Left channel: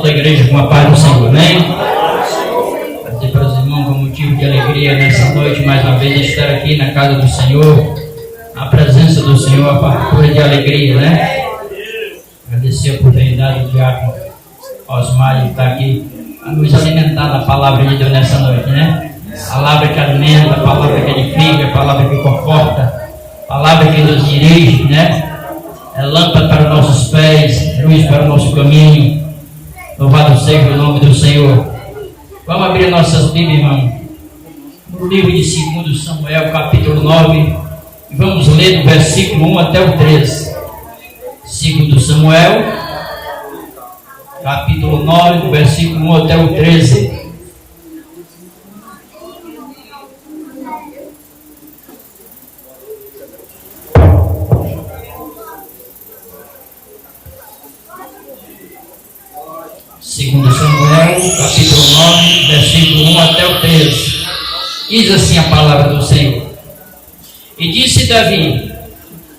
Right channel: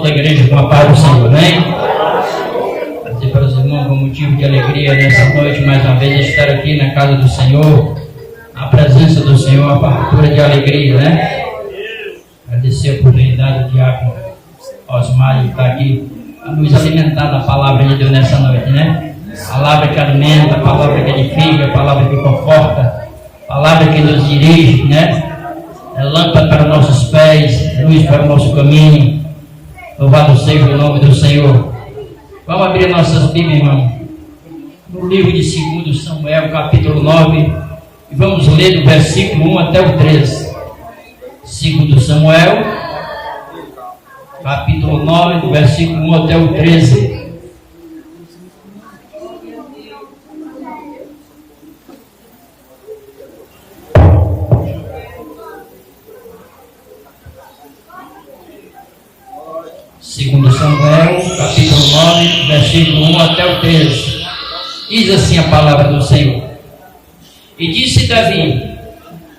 Toda a igreja com a paz do Senhor, amém? Dizer para os irmãos, com motivo de alegria nessa noite, mais uma vez, estar aqui na casa do Senhor, a presença do Senhor, uma fartura de alegria, né? Agradecer a oportunidade do diácono Osmar de estar aqui a nos alimentar da palavra de Deus nessa noite, né? Palavra que alimenta, palavra que edifica, palavra que conforta, palavra que nos dirige, né? É lâmpada para nossos pés, luz para o nosso caminho. Louvado seja o nome do Senhor. Vamos abrir nossas Bíblias, irmão, no livro de 2 Samuel, capítulo 9, e vamos ler do versículo 1 até o 13. 2 Samuel, capítulo 9, do versículo 1 até o 13. Segundo Samuel, capítulo 9, versículo 1 até o 13. Diz assim a palavra do Senhor. E disse Davi:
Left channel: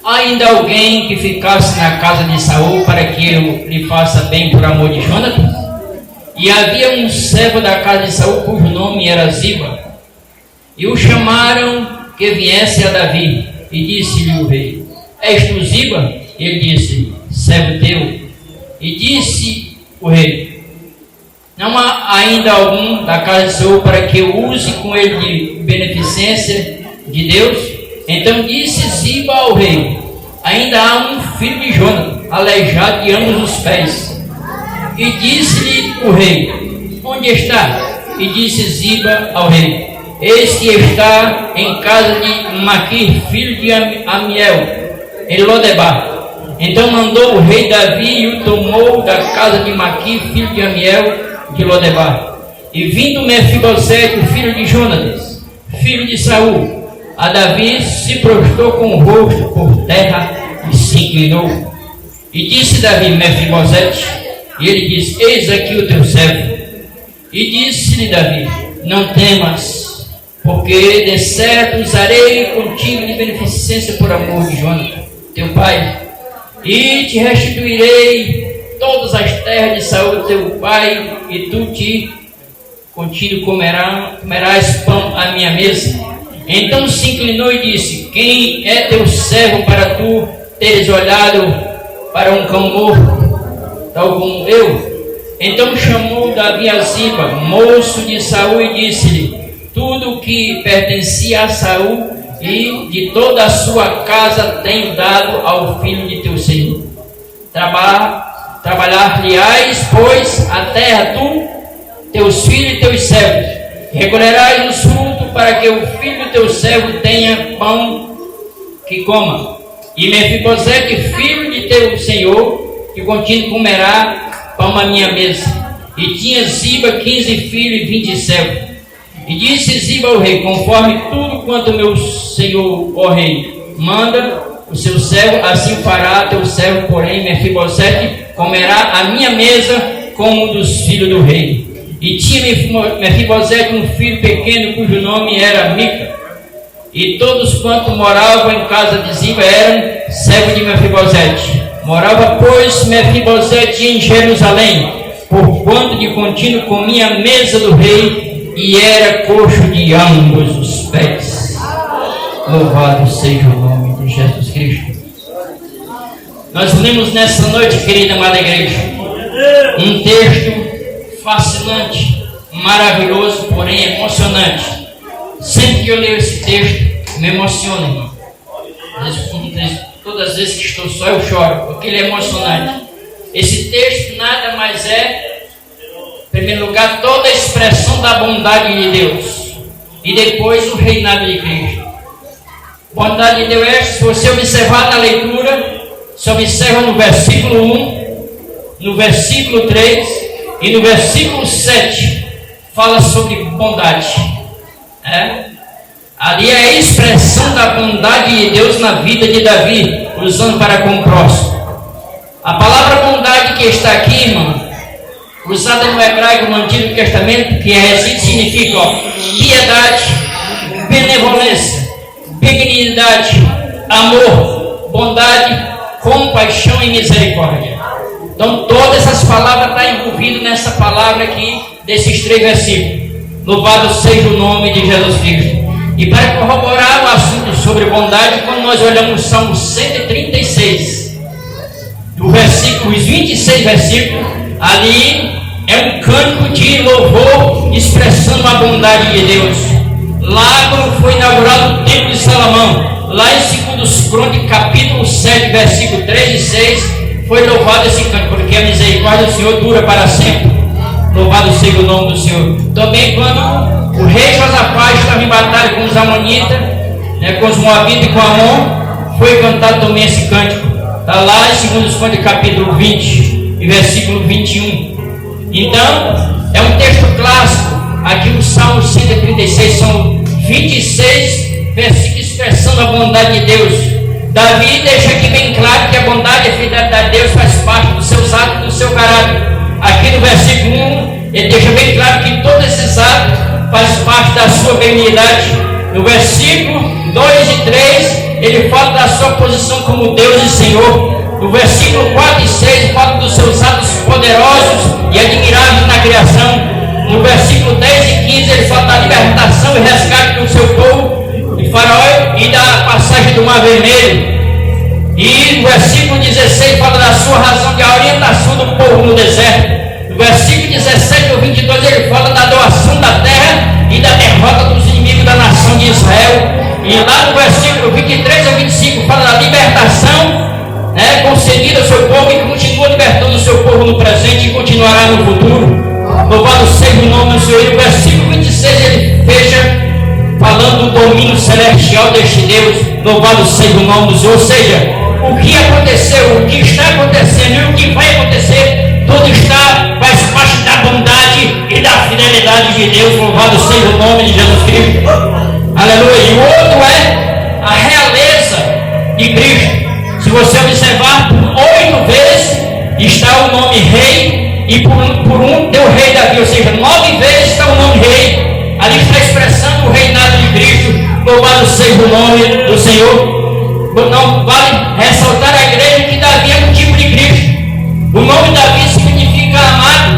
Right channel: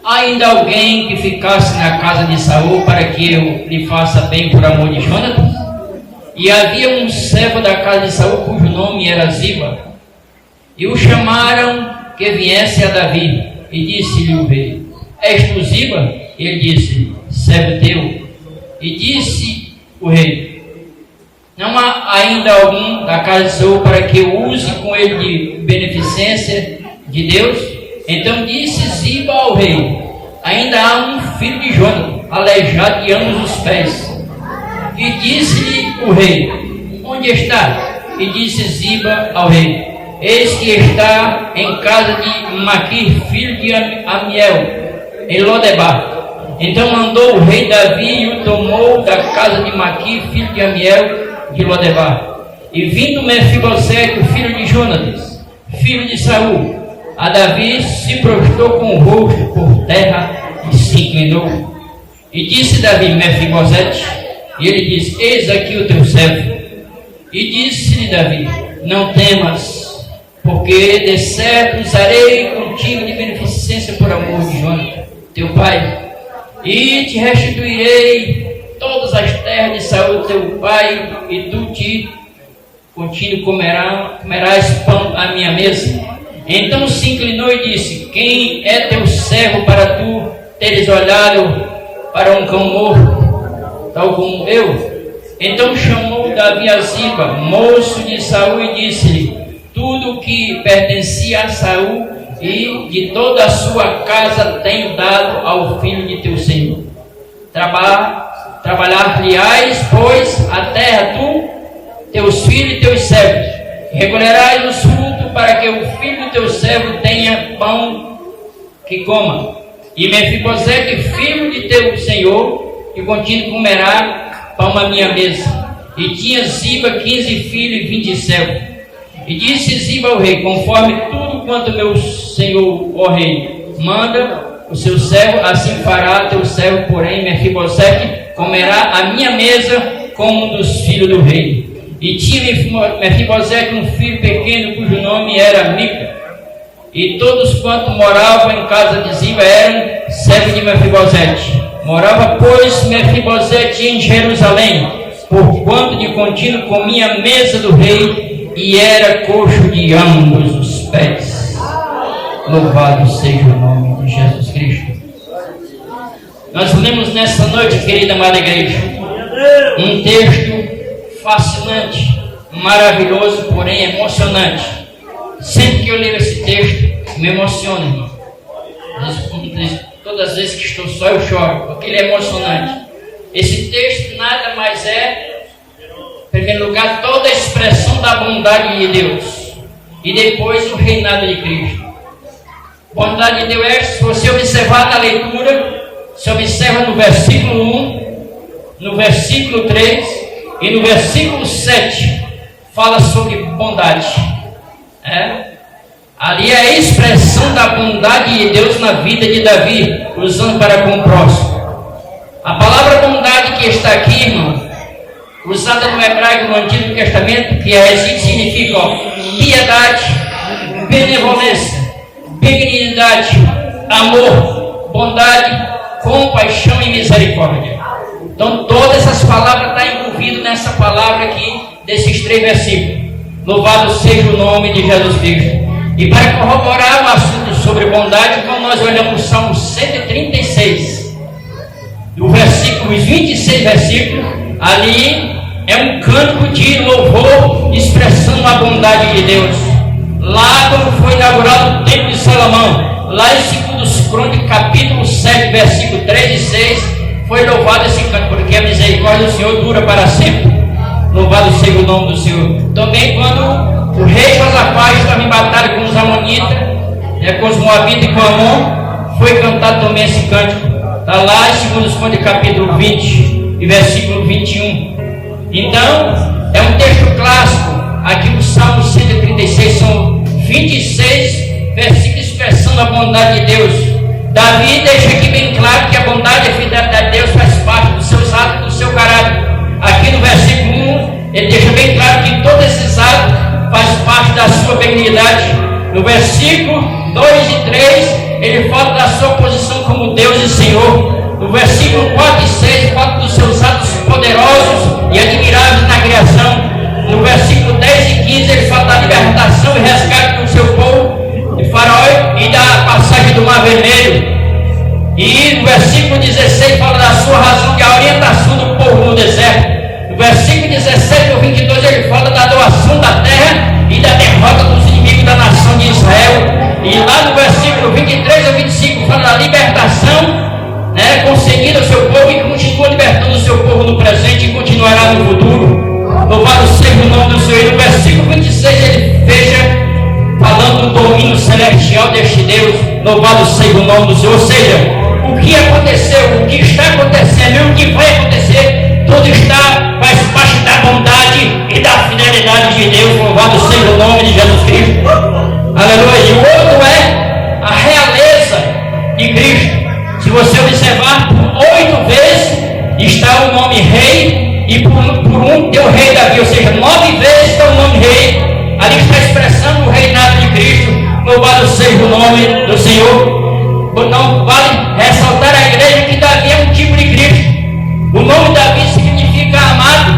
há ainda alguém que ficasse na casa de Saul para que eu lhe faça bem por amor de Jonatas? E havia um servo da casa de Saul cujo nome era Ziba. E o chamaram que viesse a Davi. E disse-lhe o rei: és tu Ziba? Ele disse: servo teu. E disse o rei: não há ainda algum da casa de Saul para que eu use com ele de beneficência de Deus? Então disse Ziba ao rei: ainda há um filho de Jonatas, aleijado de ambos os pés. E disse-lhe o rei: onde está? E disse Ziba ao rei: eis que está em casa de Maquir, filho de Amiel, em Lodebar. Então mandou o rei Davi e o tomou da casa de Maquir, filho de Amiel, de Lodebar. E vindo Mefibosete, o filho de Jonatas, filho de Saul, a Davi, se prostrou com o rosto por terra e se inclinou. E disse Davi: Mefibosete. E ele disse: eis aqui o teu servo. E disse-lhe Davi: não temas, porque de certo usarei contigo de beneficência por amor de Jonatas, teu pai, e te restituirei todas as terras de Saul teu pai, e tu contigo comerás pão à minha mesa. Então se inclinou e disse: quem é teu servo para tu teres olhado para um cão morto, tal como eu? Então chamou Davi a Ziba, moço de Saul, e disse-lhe: tudo que pertencia a Saul e de toda a sua casa tenho dado ao filho de teu senhor. Trabalhar-lhe-ás, pois, a terra, tu, teus filhos e teus servos. Recolherás os frutos para que o filho do teu servo tenha pão que coma. E Mefibosete, filho de teu senhor, que contigo comerá pão à minha mesa. E tinha Ziba 15 filhos e 20 servos. E disse Ziba ao rei: conforme tudo quanto meu senhor, ó rei, manda o seu servo, assim fará teu servo, porém Mefibosete comerá a minha mesa como um dos filhos do rei. E tinha Mefibosete um filho pequeno, cujo nome era Mica. E todos quantos moravam em casa de Ziba eram servos de Mefibosete. Morava, pois, Mefibosete em Jerusalém, porquanto de contínuo comia a mesa do rei, e era coxo de ambos os pés. Louvado seja o nome de Jesus Cristo. Nós lemos nessa noite, querida amada igreja, um texto fascinante, maravilhoso, porém emocionante. Sempre que eu leio esse texto, me emociona, irmão. Todas as vezes que estou só, eu choro, porque ele é emocionante. Esse texto nada mais é, em primeiro lugar, toda a expressão da bondade de Deus, e depois o reinado de Cristo. Bondade de Deus é, se você observar na leitura, se observa no versículo 1, no versículo 3 e no versículo 7, fala sobre bondade. Ali é a expressão da bondade de Deus na vida de Davi, usando para com o próximo. A palavra bondade que está aqui, irmão, usada no hebraico no Antigo Testamento, que é significa piedade, benevolência, benignidade, amor, bondade, compaixão e misericórdia. Então todas essas palavras estão envolvidas palavra aqui, desses 3 versículos. Louvado seja o nome de Jesus Cristo. E para corroborar o assunto sobre bondade, como nós olhamos o Salmo 136, os 26 versículos, ali é um canto de louvor expressando a bondade de Deus. Lá quando foi inaugurado o templo de Salomão, lá em 2 Crônicas, capítulo 7, versículo 3 e 6, foi louvado esse canto, porque a misericórdia do Senhor dura para sempre. Louvado seja o nome do Senhor. Também quando o rei Josafá estava em batalha com os amonitas, com os moabitas e com Amon, foi cantado também esse cântico. Está lá em 2 Crônicas, capítulo 20 e versículo 21. Então, é um texto clássico. Aqui no Salmo 136 são 26 versículos expressando a bondade de Deus. Davi deixa aqui bem claro que a bondade e a fidelidade de Deus faz parte dos seus atos, do seu caráter. Aqui no versículo 1, ele deixa bem claro que todos esses atos fazem parte da sua benignidade. No versículo 2 e 3, ele fala da sua posição como Deus e Senhor. No versículo 4 e 6, fala dos seus atos poderosos e admiráveis na criação. No versículo 10 e 15, ele fala da libertação e resgate do seu povo de Faraó e da passagem do Mar Vermelho. E no versículo 16, fala da sua razão de orientação do povo no deserto. No versículo 17 ao 22, ele fala da doação da terra e da derrota dos inimigos da nação de Israel. E lá no versículo 23 ao 25, fala da libertação concedida ao seu povo e continua libertando o seu povo no presente e continuará no futuro. Louvado seja o nome do Senhor. E no versículo 26 ele fecha falando do domínio celestial deste Deus. Louvado seja o nome do Senhor. Ou seja, o que aconteceu, o que está acontecendo e o que vai acontecer, tudo faz parte da bondade e da fidelidade de Deus. Louvado seja o nome de Jesus Cristo. Aleluia. E o outro é a realeza de Cristo. Se você observar, por 8 vezes está o nome rei, e por um tem o rei Davi, ou seja, 9 vezes está o nome rei. Ali está expressando o reinado de Cristo. Louvado seja o nome do Senhor. Não vale ressaltar a igreja que Davi é um tipo de Cristo. O nome Davi significa amado.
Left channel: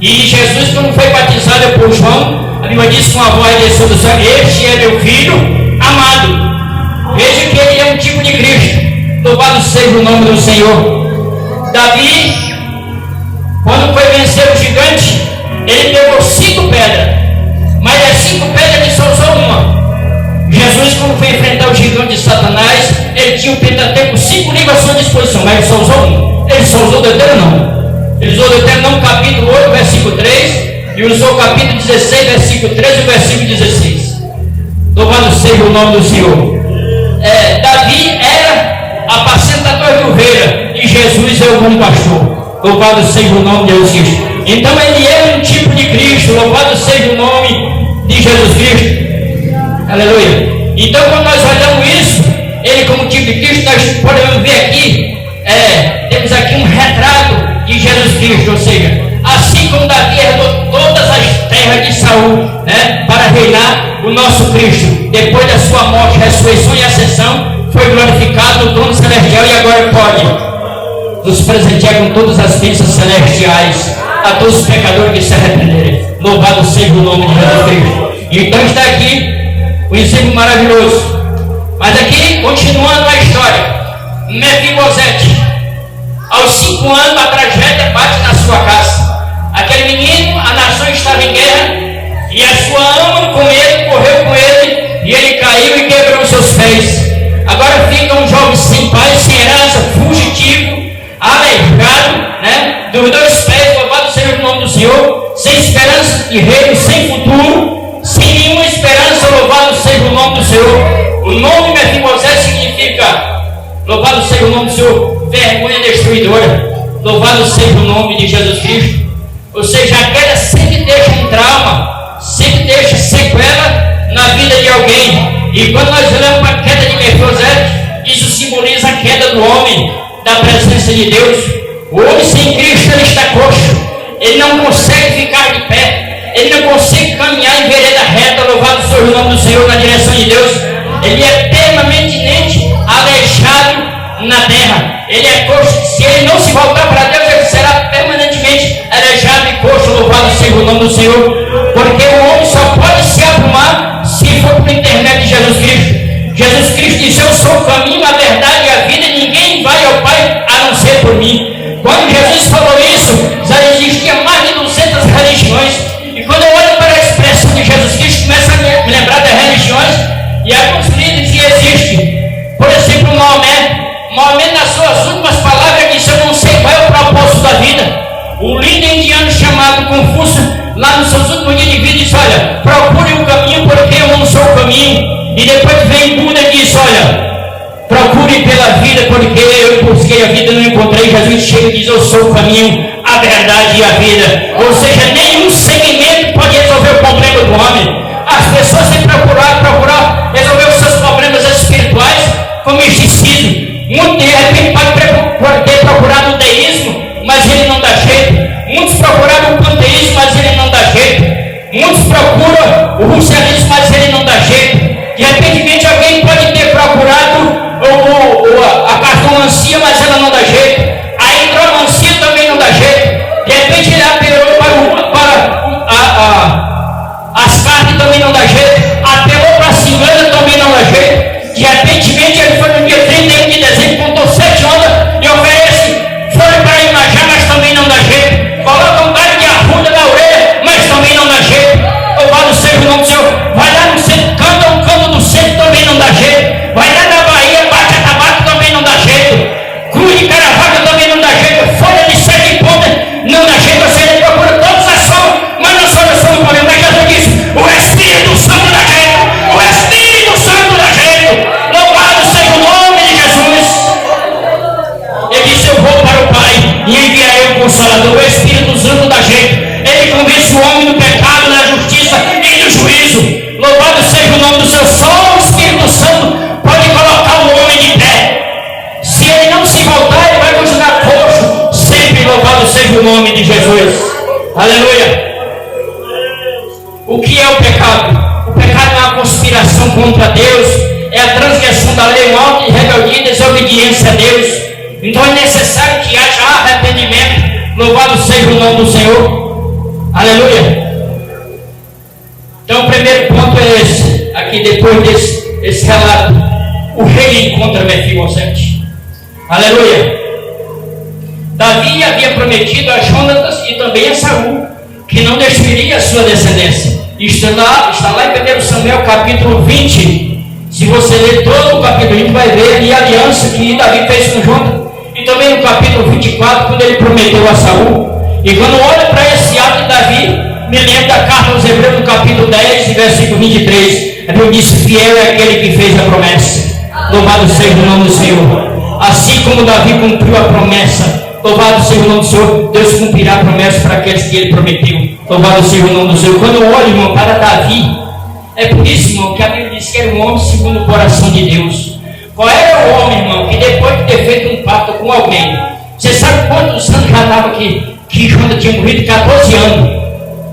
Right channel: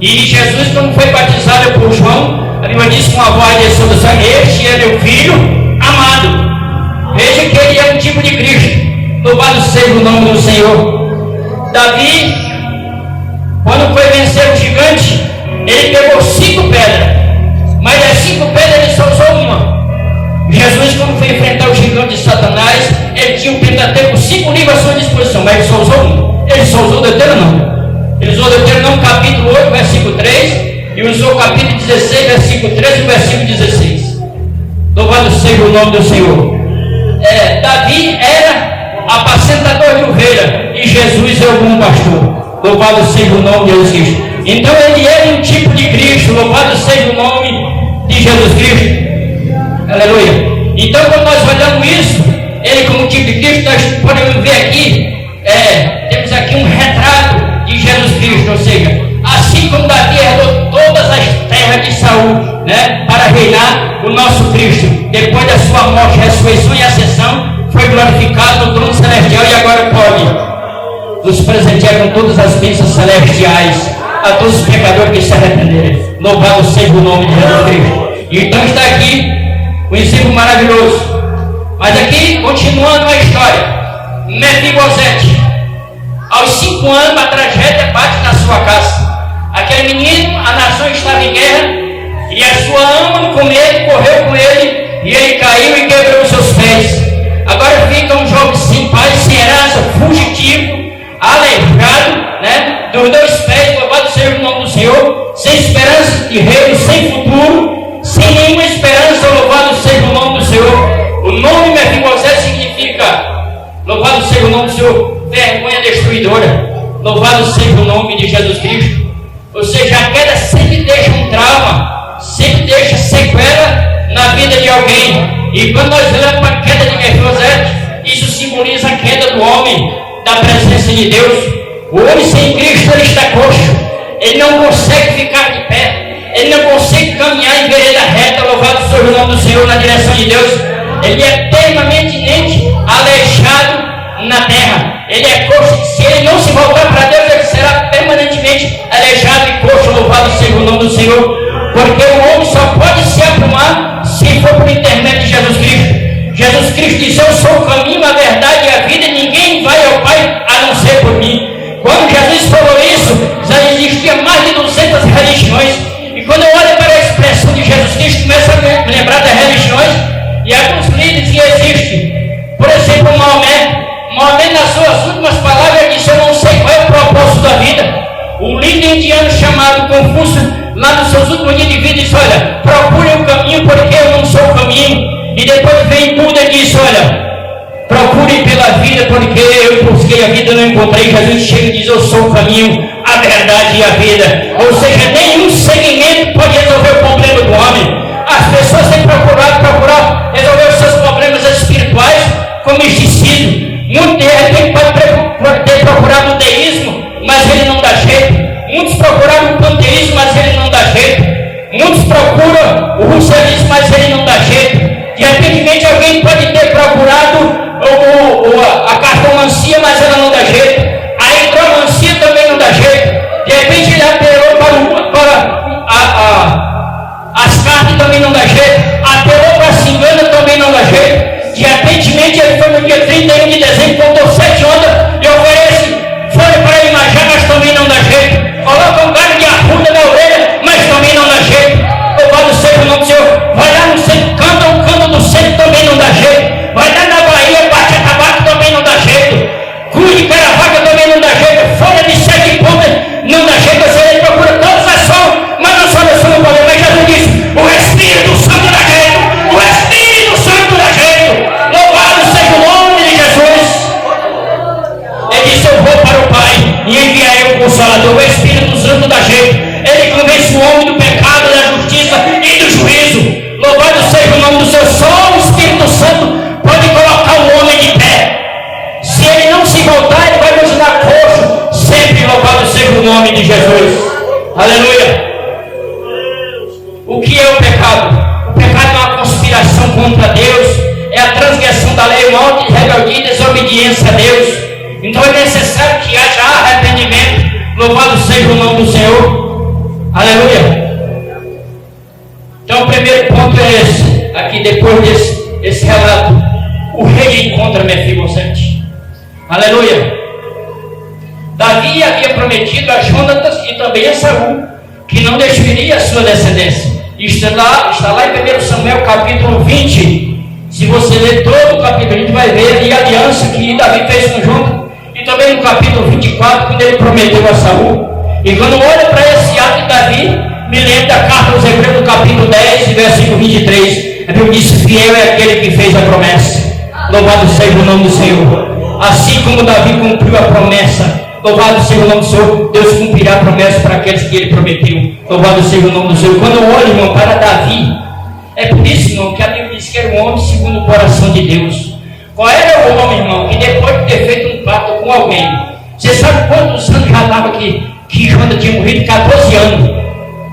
E Jesus, quando foi batizado por João, a Bíblia diz com a voz de sobre o céu: este é meu filho amado. Veja que ele é um tipo de Cristo. Louvado seja o nome do Senhor. Davi, quando foi vencer o gigante, ele pegou 5 pedras, mas das 5 pedras ele só usou uma. Jesus, quando foi enfrentar o gigante de Satanás, ele tinha o Pentateuco 5 livros à sua disposição, mas ele só usou um. Ele só usou o Deuteronômio. Ele usou o Deuteronômio capítulo 8, versículo 3, e usou o capítulo 16, versículo 13 e o versículo 16. Louvado seja o nome do Senhor. Davi era apacentador de ovelha e Jesus é o bom pastor. Louvado seja o nome de Jesus Cristo. Então ele é um tipo de Cristo. Louvado seja o nome de Jesus Cristo. Aleluia. Então quando nós olhamos isso, ele como tipo de Cristo, nós podemos ver aqui, temos aqui um retrato de Jesus Cristo. Ou seja, assim como Davi herdou todas as terras de Saul, para reinar, o nosso Cristo, depois da sua morte, ressurreição e ascensão, foi glorificado no trono celestial e agora pode nos presentear com todas as bênçãos celestiais a todos os pecadores que se arrependerem. Louvado seja o nome de Jesus Cristo. Então está aqui um exemplo maravilhoso. Mas aqui, continuando a história, Mefibosete, aos 5 anos a tragédia bate na sua casa. Aquele menino, a nação estava em guerra, e a sua ama com ele, correu com ele, e ele caiu e quebrou os seus pés. Agora fica um jovem sem pai, sem herança, fugitivo, aleijado, dos 2 pés. Louvado seja o nome do Senhor, sem esperança de reino, sem futuro, sem nenhuma esperança. Louvado seja o nome do Senhor. O nome Mefibosete significa, louvado seja o nome do Senhor, vergonha destruidora. Louvado seja o nome de Jesus Cristo. Ou seja, a queda sempre deixa um trauma, sempre deixa sequela na vida de alguém. E quando nós olhamos para a queda de Mefibosete, isso simboliza a queda do homem da presença de Deus. O homem sem Cristo, ele está coxo, ele não consegue ficar de pé, ele não consegue caminhar em vereda reta. Louvado seja o nome do Senhor, na direção de Deus. Ele é permanentemente aleijado na terra. Ele é coxo. Se ele não se voltar para Deus, ele será permanentemente do Senhor, porque o homem só pode se aprumar se for por intermédio de Jesus Cristo. Jesus Cristo disse: eu sou o caminho, a verdade e a vida, ninguém vai ao Pai a não ser por mim. Quando Jesus falou isso, já existia mais de 200 religiões. E quando eu olho para a expressão de Jesus Cristo, começo a me lembrar das religiões e alguns líderes que existem. Por exemplo, Maomé, nas suas últimas palavras, disse: eu não sei qual é o propósito da vida. O líder indiano chamado Confúcio, lá nos seus últimos dias de vida, disse: olha, procure o caminho, porque eu não sou o caminho. E depois vem Buda e diz: olha, procure pela vida, porque eu busquei a vida e não encontrei. Jesus chega e diz: eu sou o caminho, a verdade e a vida. Ou seja, nenhum segmento pode resolver o problema do homem. As pessoas têm procurar resolver os seus problemas espirituais com misticismo. Muito de repente pode ter procurado o deísmo, mas ele não dá jeito. Muitos procuraram o panteísmo, mas ele não dá jeito. Muitos procuram o russianismo, mas ele não dá jeito. De repente alguém pode ter procurado a cartomancia, mas ela não dá jeito. A hidromancia também não dá jeito. De repente ele apelou para as cartas, também não dá jeito. Apelou para a cigana, também não dá jeito. De repente ele foi no dia 31 de dezembro, contou 7 ondas e oferece folha para Imajá, mas também não dá jeito. Coloca um galho de arruda na orelha, mas também não dá jeito. Louvado seja o nome do Senhor. Vai lá no centro, canta um cano do centro, também não dá jeito. Vai lá na Bahia, bate a tabaco, também não dá jeito. Cruz de Caravaca também não dá jeito. Folha de 7 pontas não dá jeito. Você procura todas as formas, mas não soluciona o problema. Mas Jesus disse: o Espírito Santo dá jeito. O Espírito Santo dá jeito. Louvado seja o nome de Jesus. Ele disse: eu vou para o Pai e enviarei o Consolador. O Espírito Santo dá jeito. Ele convence o homem do pecado, da justiça e do juízo. Louvado seja o nome do Senhor. Só o Espírito Santo pode colocar o homem de pé. Se ele não se voltar, ele vai continuar coxo. Sempre louvado seja o nome de Jesus. Aleluia. O que é o pecado? O pecado é uma conspiração contra Deus. É a transgressão da lei, morte, rebeldia e desobediência a Deus. Então é necessário que haja arrependimento. Louvado seja o nome do Senhor. Aleluia. Então o primeiro ponto é esse. Aqui depois desse relato, o rei encontra Mefibosete. Aleluia. Davi havia prometido a Jonatas e também a Saul que não destruiria a sua descendência. Está lá em 1 Samuel capítulo 20. Se você ler todo o capítulo 20, vai ver ali a aliança que Davi fez com Jonatas. E também no capítulo 24, quando ele prometeu a Saul. E quando olho para esse ato de Davi, me lembro da carta aos Hebreus, no capítulo 10, versículo 23. Eu disse: fiel é aquele que fez a promessa. Louvado seja o nome do Senhor. Assim como Davi cumpriu a promessa, louvado seja o nome do Senhor, Deus cumprirá a promessa para aqueles que ele prometeu. Louvado seja o nome do Senhor. Quando eu olho, irmão, para Davi, é por isso, irmão, que a Bíblia diz que era um homem segundo o coração de Deus. Qual era o homem, irmão, que depois de ter feito um pacto com alguém, você sabe quantos anos já estava aqui? Que Jonas tinha morrido? 14 anos.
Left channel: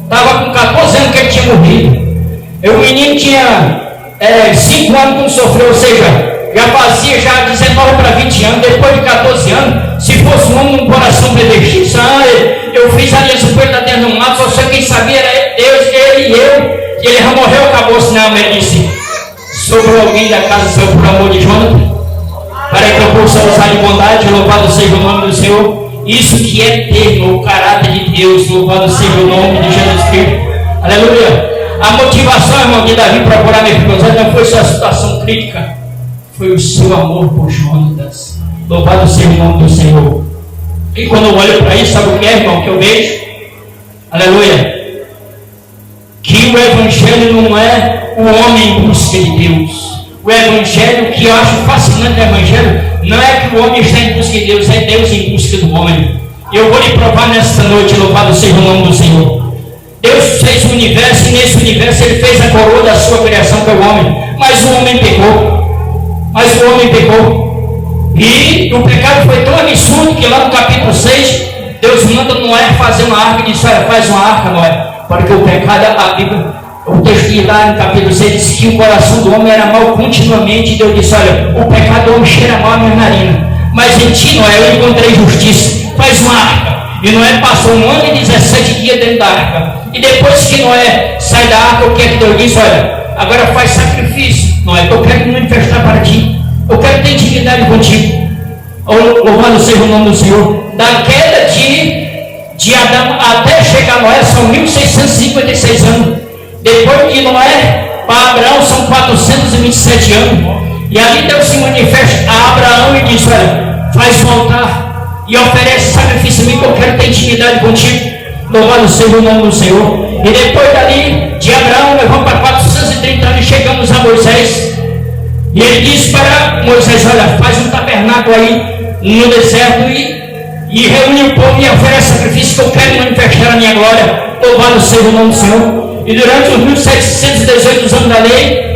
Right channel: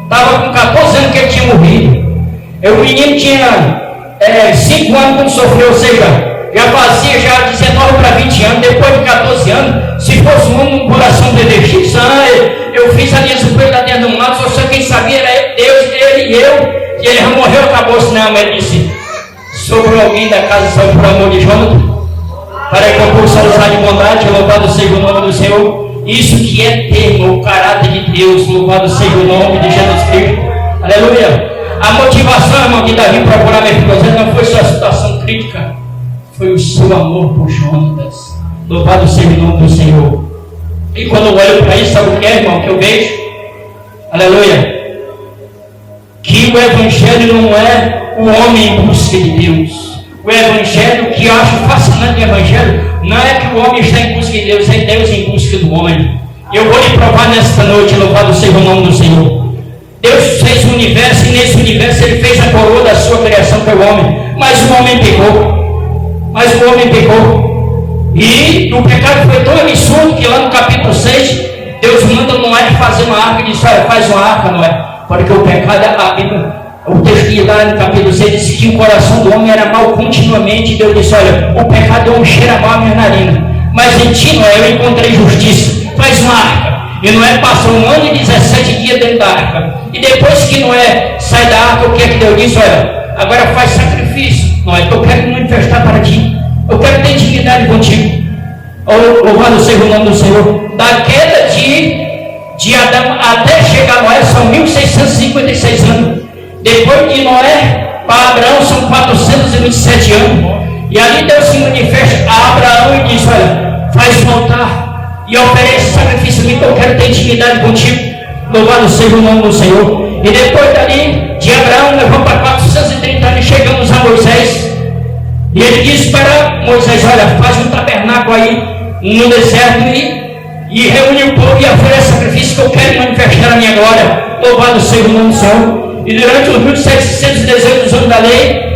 Estava com 14 anos que ele tinha morrido. O menino tinha 5 anos quando sofreu, ou seja, já fazia 19 para 20 anos. Depois de 14 anos, se fosse um coração predestinado, eu fiz aliança com ele lá dentro do mato, só sei quem sabia era Deus, ele e eu. E ele já morreu, acabou, senão ele disse: sobre alguém da casa saiu por amor de Jonas, para que eu possa usar de bondade. Louvado seja o nome do Senhor. Isso que é ter o caráter de Deus. Louvado seja o nome de Jesus Cristo. Aleluia. A motivação, irmão, de Davi para procurar Mefibosete não foi sua situação crítica, foi o seu amor por Jonatas. Louvado seja o nome do Senhor. E quando eu olho para isso, sabe o que é, irmão, que eu vejo? Aleluia. Que o Evangelho não é o homem em busca de Deus. O Evangelho, que eu acho fascinante do Evangelho, não é que o homem está em busca de Deus, é Deus em busca do homem. Eu vou lhe provar nesta noite, louvado seja o nome do Senhor. Deus fez o universo e nesse universo Ele fez a coroa da sua criação para o homem. Mas o homem pecou. E o pecado foi tão absurdo que lá no capítulo 6, Deus manda Noé fazer uma arca e diz: olha, faz uma arca, Noé. Porque o pecado, a Bíblia, o texto que lá no capítulo 6 diz que o coração do homem era mau continuamente. E Deus disse: olha, o pecado do homem cheira mal a minha narina, mas em ti, Noé, eu encontrei justiça. Faz uma arca. E Noé passou 1 ano e 17 dias dentro da arca. E depois que Noé sai da arca, o que é que Deus diz? Olha, agora faz sacrifício, Noé, eu quero me manifestar para ti, eu quero ter intimidade contigo. Louvado seja o nome do Senhor. Da queda de Adão até chegar a Noé são 1656 anos. Depois de Noé para Abraão são 427 anos. E ali Deus se manifesta a Abraão e diz: olha, faz um altar e oferece sacrifício a mim, que eu quero ter intimidade contigo. Louvado seja o nome do Senhor. E depois dali, de Abraão, levou para 430 anos, chegamos a Moisés. E ele disse para Moisés: olha, faz um tabernáculo aí no deserto e reúne o povo e oferece sacrifício, que eu quero manifestar a minha glória. Louvado seja o nome do Senhor. E durante os 1718 anos da lei,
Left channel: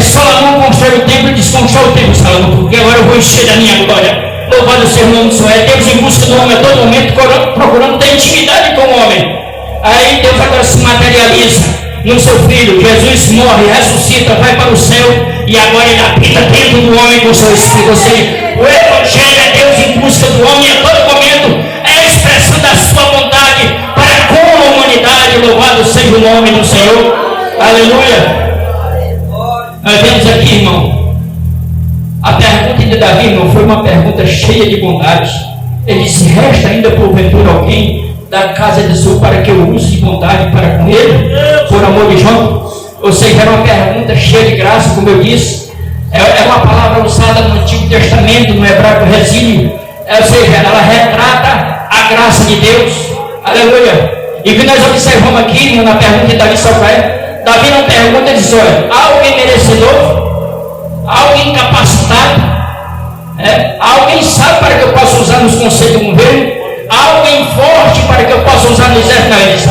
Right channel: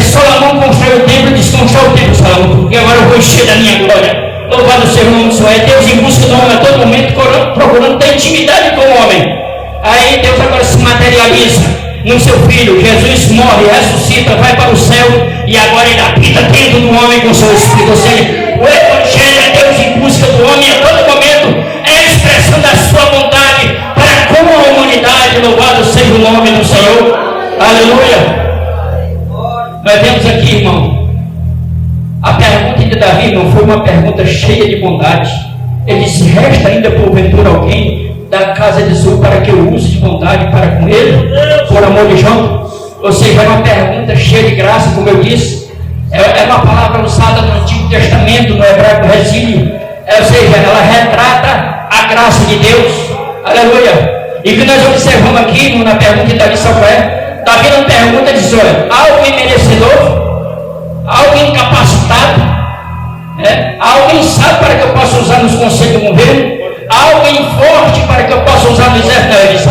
Salomão constrói o templo e desconstrói o templo, Salomão, porque agora eu vou encher da minha glória. Louvado seja o nome do Senhor. É Deus em busca do homem a todo momento, procurando ter intimidade com o homem. Aí Deus agora se materializa no seu Filho. Jesus morre, ressuscita, vai para o céu e agora ele habita dentro do homem com o seu Espírito. Ou seja, o Evangelho é Deus em busca do homem a todo momento. É a expressão da sua vontade para com a humanidade. Louvado seja o nome do Senhor. Aleluia. Nós vemos aqui, irmão, a pergunta de Davi, irmão, foi uma pergunta cheia de bondade. Ele disse: resta ainda porventura alguém da casa de Saul para que eu use de bondade para com ele, por amor de João? Ou seja, é uma pergunta cheia de graça, como eu disse. É uma palavra usada no Antigo Testamento, no hebraico resílio. Ou seja, ela retrata a graça de Deus. Aleluia. E que nós observamos aqui, irmão, na pergunta de Davi, sabe qual é? Davi na pergunta diz: olha, alguém merecedor, alguém capacitado, alguém sabe para que eu possa usar nos conselhos do governo, alguém forte para que eu possa usar no exército. Ele diz:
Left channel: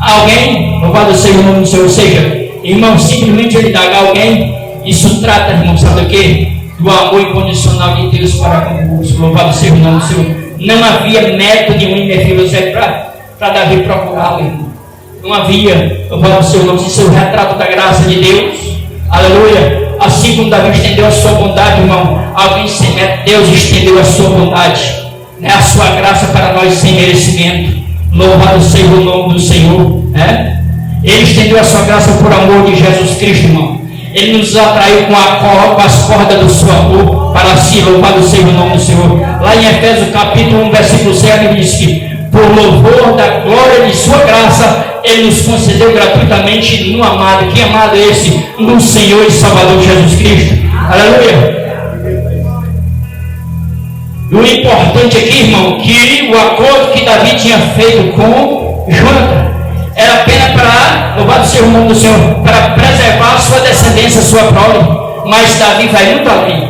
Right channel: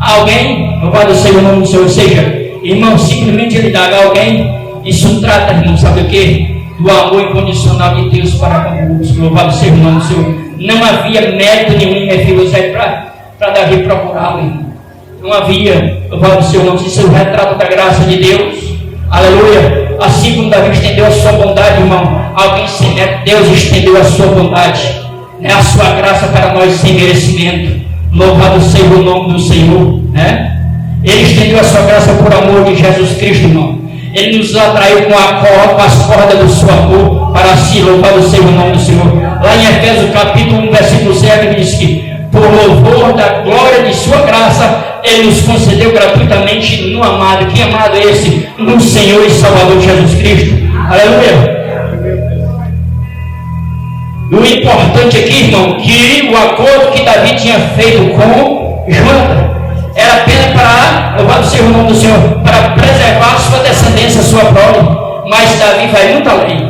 alguém, louvado seja o nome do Senhor. Ou seja, irmão, simplesmente ele dá alguém. Isso trata, irmão, sabe o que? Do amor incondicional de Deus para convosco. Louvado seja o nome do Senhor. Não havia método nenhum, minha filha, para Davi procurá-lo, irmão. Não havia. Louvado seja o nome do Senhor. Isso é o retrato da graça de Deus. Aleluia. Assim como Davi estendeu a sua bondade, irmão, alguém sem método, Deus estendeu a sua bondade, a sua graça para nós sem merecimento. Louvado seja o nome do Senhor. Ele estendeu a sua graça por amor de Jesus Cristo, irmão. Ele nos atraiu com as cordas do seu amor para si. Louvado seja o nome do Senhor. Lá em Efésios capítulo 1, versículo 7, ele diz que por louvor da glória de sua graça, ele nos concedeu gratuitamente no amado. Que amado é esse? No Senhor e Salvador Jesus Cristo. Aleluia. E o importante aqui, irmão, que o acordo que Davi tinha feito com Jonathan era apenas para, louvado seja o nome do Senhor, para preservar a sua descendência, a sua prole. Mas Davi vai muito além.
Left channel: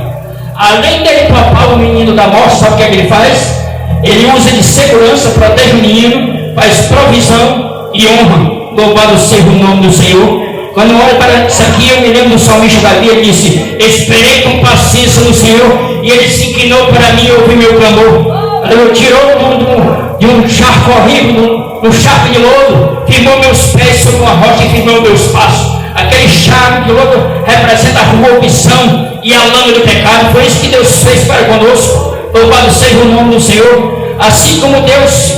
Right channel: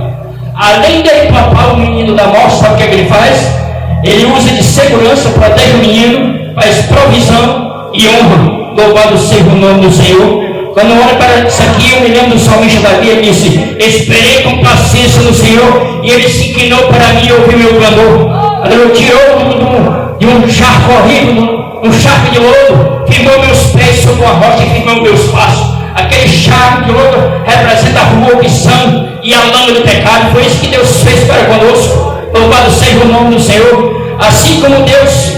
Além dele poupar o menino da morte, sabe o que é que ele faz? Ele usa de segurança, protege o menino, faz provisão e honra. Louvado seja o nome do Senhor. Quando eu olho para isso aqui, eu me lembro do salmista Davi. Ele disse: esperei com paciência no Senhor, e ele se inclinou para mim e ouviu meu clamor. Ele tirou de um charco horrível, um charco de lodo, firmou meus pés sobre uma rocha e firmou meus passos. Aquele charco de lodo representa a corrupção e a lama do pecado. Foi isso que Deus fez para conosco. Louvado seja o nome do Senhor. Assim como Deus,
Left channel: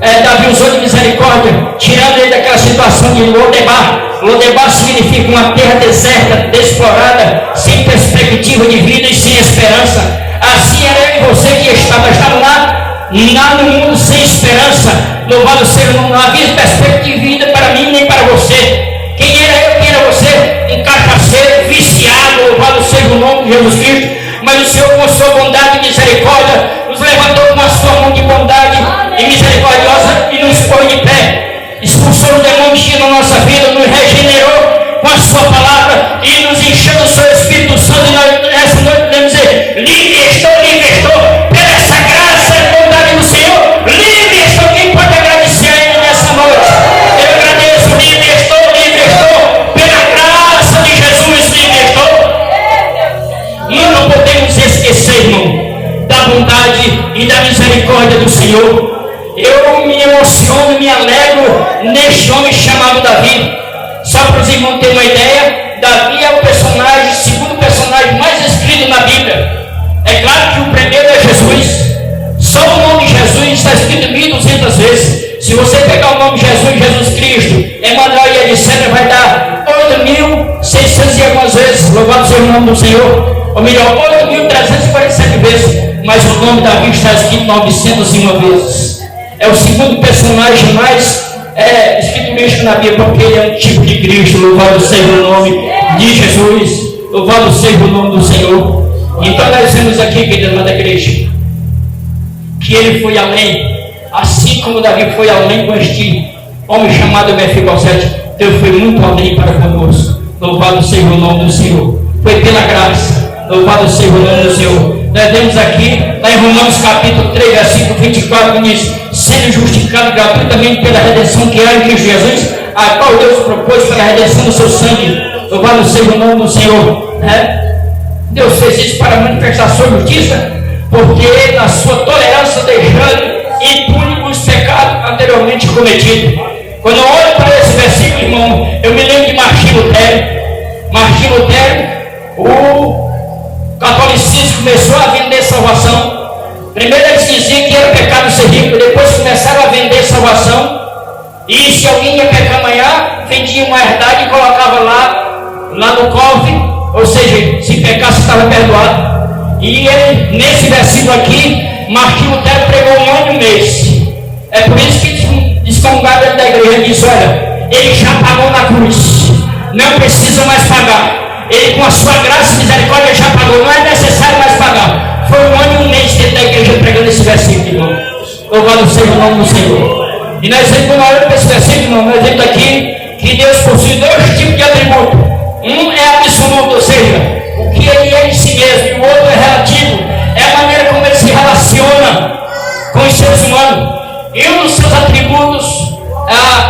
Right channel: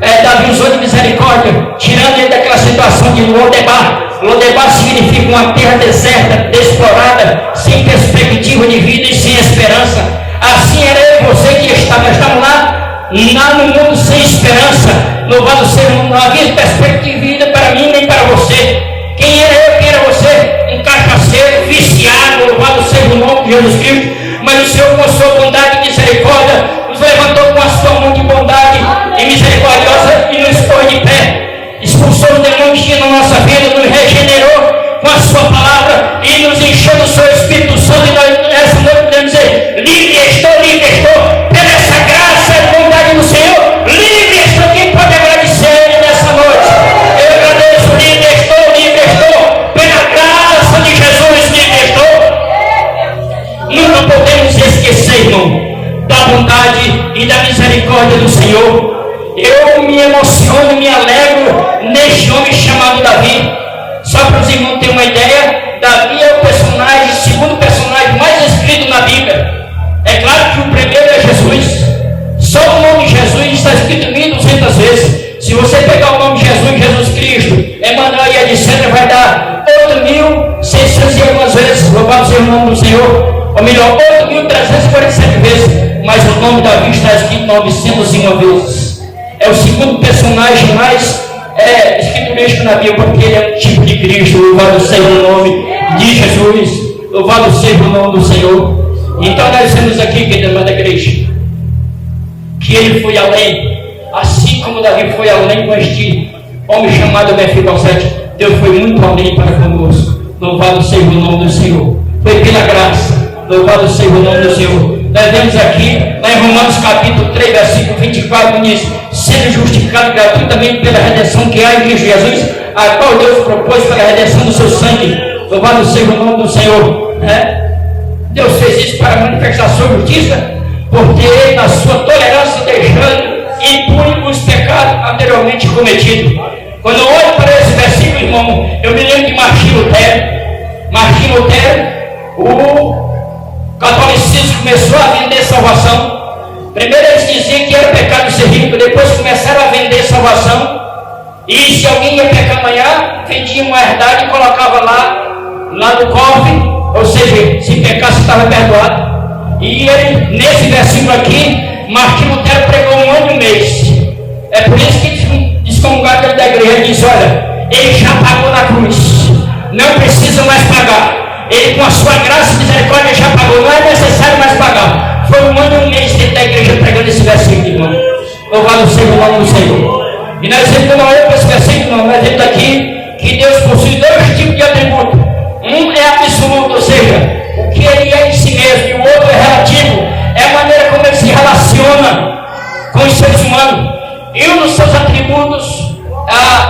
Davi usou de misericórdia, tirando ele daquela situação de Lodebar. Lodebar significa uma terra deserta, desexplorada, sem perspectiva de vida e sem esperança. Assim era eu e você que estavam lá no mundo sem esperança. Louvado seja o nome. Não havia perspectiva de vida para mim nem para você. Quem era eu, quem era você? Um cachaceiro, viciado. Louvado seja o nome de Jesus Cristo. Mas o Senhor, com sua bondade e misericórdia, nos levantou com a sua mão de bondade e misericordiosa e nos pôs de pé. Expulsou o demônio que tinha na nossa vida, nos regenerou com a sua palavra e nos encheu do seu Espírito Santo. E nessa noite podemos dizer: livre estou, pela essa graça e bondade do Senhor. Livre estou. Quem pode agradecer a Ele nessa noite? Eu agradeço. Livre estou, pela graça de Jesus. Livre estou. Nunca podemos esquecer, irmão, da bondade e da misericórdia do Senhor. Eu me emociono, me alegro neste homem chamado Davi. Só para os irmãos terem uma ideia, Davi é o segundo personagem mais escrito na Bíblia. É claro que o primeiro é Jesus. Só o nome de Jesus está escrito 1200 vezes. Se você pegar o nome de Cristo, Emmanuel e etc. vai dar 8.600 e algumas vezes, louvado seja o nome do Senhor, ou melhor, 8.347 vezes, mas o nome Davi está escrito 901 vezes. É o segundo personagem mais escriturístico na Bíblia, porque ele é um tipo de Cristo. Louvado seja o nome de Jesus, louvado seja o nome do Senhor. Então nós temos aqui, querido da igreja, que ele foi além, assim como Davi foi além com este homem chamado Mefibosete. Deus foi muito além para conosco. Louvado seja o nome do Senhor. Foi pela graça. Louvado seja o nome do Senhor. Nós vemos aqui, em Romanos capítulo 3, versículo 24, diz: sendo justificado gratuitamente pela redenção que há em Cristo Jesus, a qual Deus propôs pela redenção do seu sangue. Louvado seja o nome do Senhor. Deus fez isso para manifestar a sua justiça, porque na sua tolerância deixando impune os pecados anteriormente cometidos. Quando eu olho para esse versículo, irmão, eu me lembro de Martinho Lutero. Martinho Lutero, o catolicismo começou a vender salvação. Primeiro eles diziam que era pecado ser rico, depois começaram a vender salvação. E se alguém ia pecar amanhã, vendia uma herdade e colocava lá no cofre, ou seja, se pecasse estava perdoado. E ele, nesse versículo aqui, Martinho Lutero pregou em 1 mês. É por isso que descongado da igreja diz: olha, ele já pagou na cruz, não precisa mais pagar. Ele, com a sua graça e misericórdia, já pagou, não é necessário mais pagar. Foi 1 mês que a igreja pregando esse versículo, irmão. Louvado seja o nome do Senhor. E nós vemos, quando olhamos para esse versículo, irmão, nós vemos aqui que Deus possui 2 tipos de atributos. Um é absoluto, ou seja, o que ele é em si mesmo, e o outro é relativo. É a maneira como ele se relaciona com os seres humanos. E um dos seus atributos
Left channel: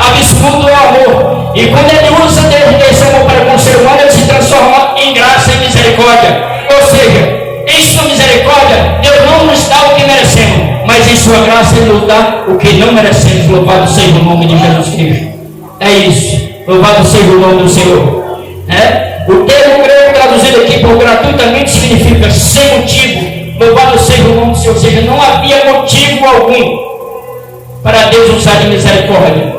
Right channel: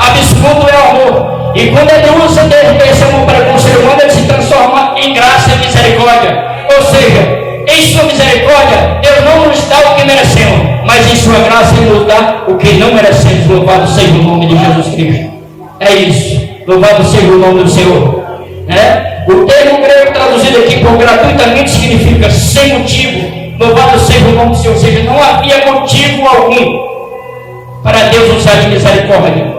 absoluto é o amor. E quando ele usa desse amor para com o ser humano, ele se transforma em graça e misericórdia. Ou seja, em sua misericórdia, Deus não nos dá o que merecemos, mas em sua graça ele nos dá o que não merecemos. Louvado seja o nome de Jesus Cristo. É isso. Louvado seja o nome do Senhor. O termo grego traduzido aqui por gratuitamente significa sem motivo. Louvado seja o nome do Senhor. Ou seja, não havia motivo algum para Deus usar de misericórdia.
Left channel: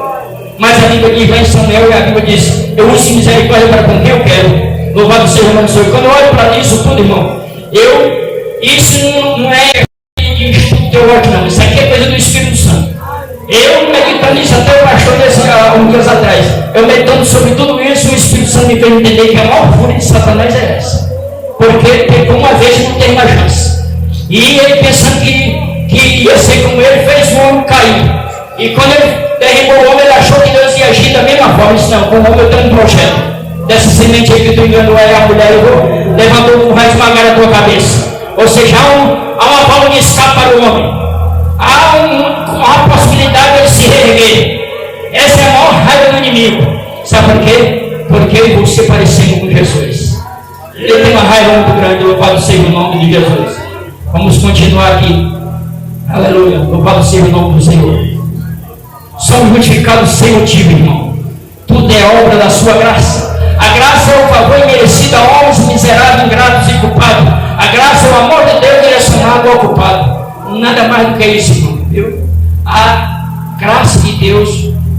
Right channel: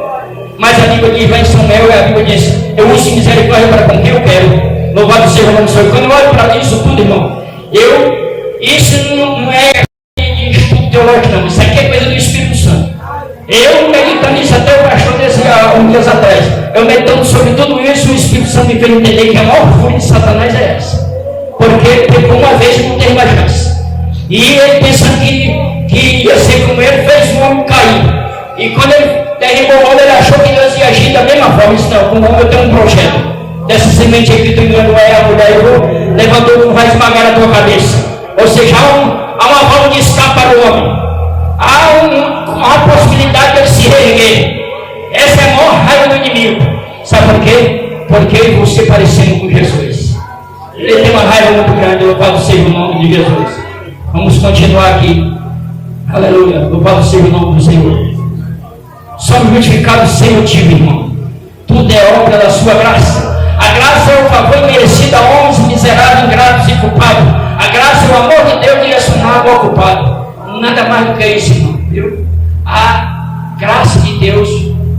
Mas a Bíblia diz lá em Samuel, a Bíblia diz: eu uso misericórdia para com quem eu quero. Louvado seja o nome do Senhor. Quando eu olho para isso tudo, irmão, isso não é de estudo teológico, não. Isso aqui é coisa do Espírito Santo. Eu meditando nisso até o pastor uns dias atrás. Eu meditando sobre tudo isso, o Espírito Santo me fez entender que a maior fúria de Satanás é essa. Porque pecou uma vez e não tem mais chance. E ele pensando que ia ser como ele, fez o homem cair. E quando ele derribou o homem, ele achou que Deus ia agir da mesma forma. Ele disse: não, com o homem eu tenho um projeto. Dessa semente aí que tu enganou é a mulher, levantou, vai esmagar a tua cabeça. Ou seja, há uma válvula de escape para o homem. Há uma possibilidade de ele se reerguer. Essa é a maior raiva do inimigo. Sabe por quê? Porque eu e você parecendo com Jesus. Ele tem uma raiva muito grande. Louvado seja o nome de Jesus. Vamos continuar aqui. Aleluia. Louvado seja o nome do Senhor. Somos justificados sem motivo, irmão. Tudo é obra da sua graça. A graça é o favor merecido a homens miseráveis, ingratos e culpados. A graça é o amor de Deus direcionado ao culpado. Nada mais do que isso, irmão. Viu? A graça de Deus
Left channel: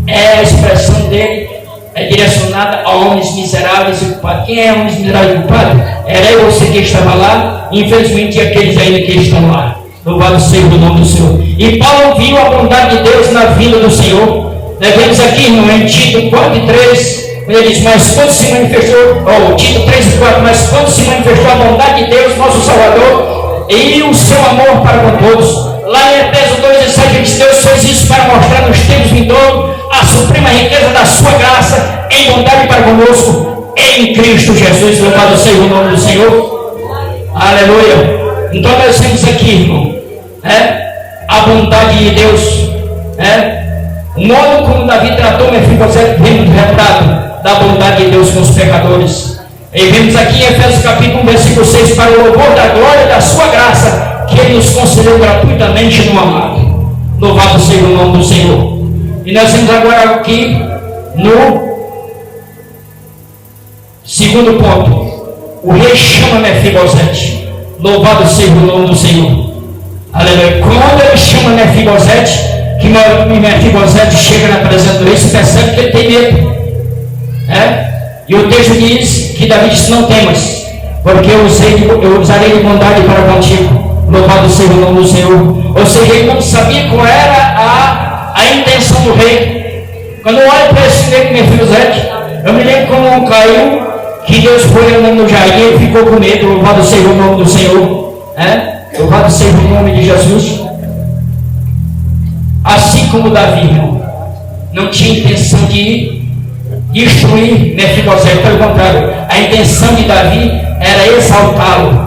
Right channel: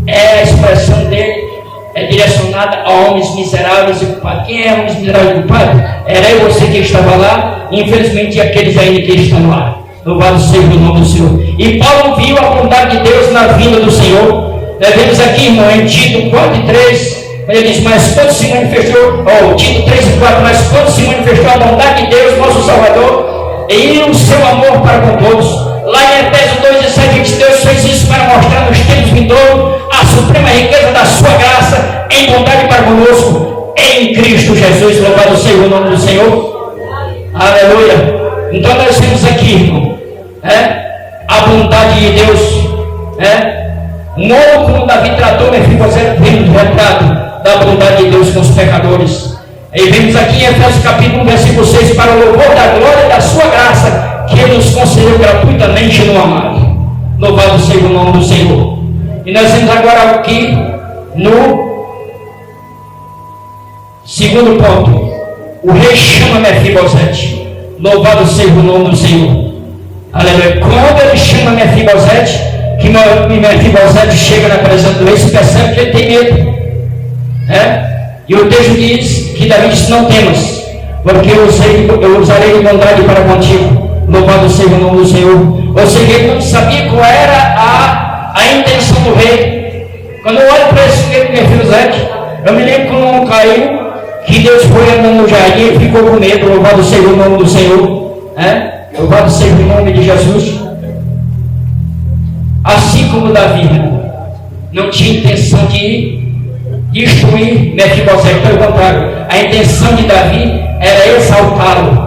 é a expressão dele, é direcionada a homens miseráveis e culpados. Quem é homens miseráveis e culpados? Era eu, você que estava lá, infelizmente aqueles ainda que estão lá. Louvado seja o nome do Senhor. E Paulo viu a bondade de Deus na vida do Senhor. Nós vemos aqui, irmão, em Tito 4:3, ele diz: mas quando se manifestou, Tito 3:4, mas quando se manifestou a bondade de Deus, nosso Salvador, e o seu amor para com todos. Lá em Efésios 2:7 diz: Deus fez isso para mostrar nos tempos vindouros a suprema riqueza da sua graça em bondade para conosco em Cristo Jesus. Louvado seja o nome do Senhor. Aleluia. Então nós temos aqui, irmão, a bondade de Deus, o modo como Davi tratou Mefibosete, vemos retratado da bondade de Deus com os pecadores. E vemos aqui em Efésios capítulo 1, versículo 6, para o louvor da glória da sua graça, que ele nos concedeu gratuitamente no amado. Louvado seja o nome do Senhor. E nós vamos agora aqui no segundo ponto. O rei chama Mefibosete. Louvado seja o nome do Senhor. Aleluia. Quando ele chama Mefibosete, que Mefibosete chega na presença do rei, se percebe que ele tem medo. E o texto diz que Davi disse: não temas, porque eu usarei de bondade para contigo. Louvado seja o nome do Senhor. Ou seja, ele não sabia qual era a intenção do rei. Quando eu olho para esse rei Mefibosete, eu me lembro como caiu, que Deus foi no jardim, ele ficou com medo. Louvado seja o nome do Senhor. Louvado seja o nome de Jesus. Assim como Davi não tinha intenção de destruir Mefibosete, pelo contrário, a intenção de Davi era exaltá-lo.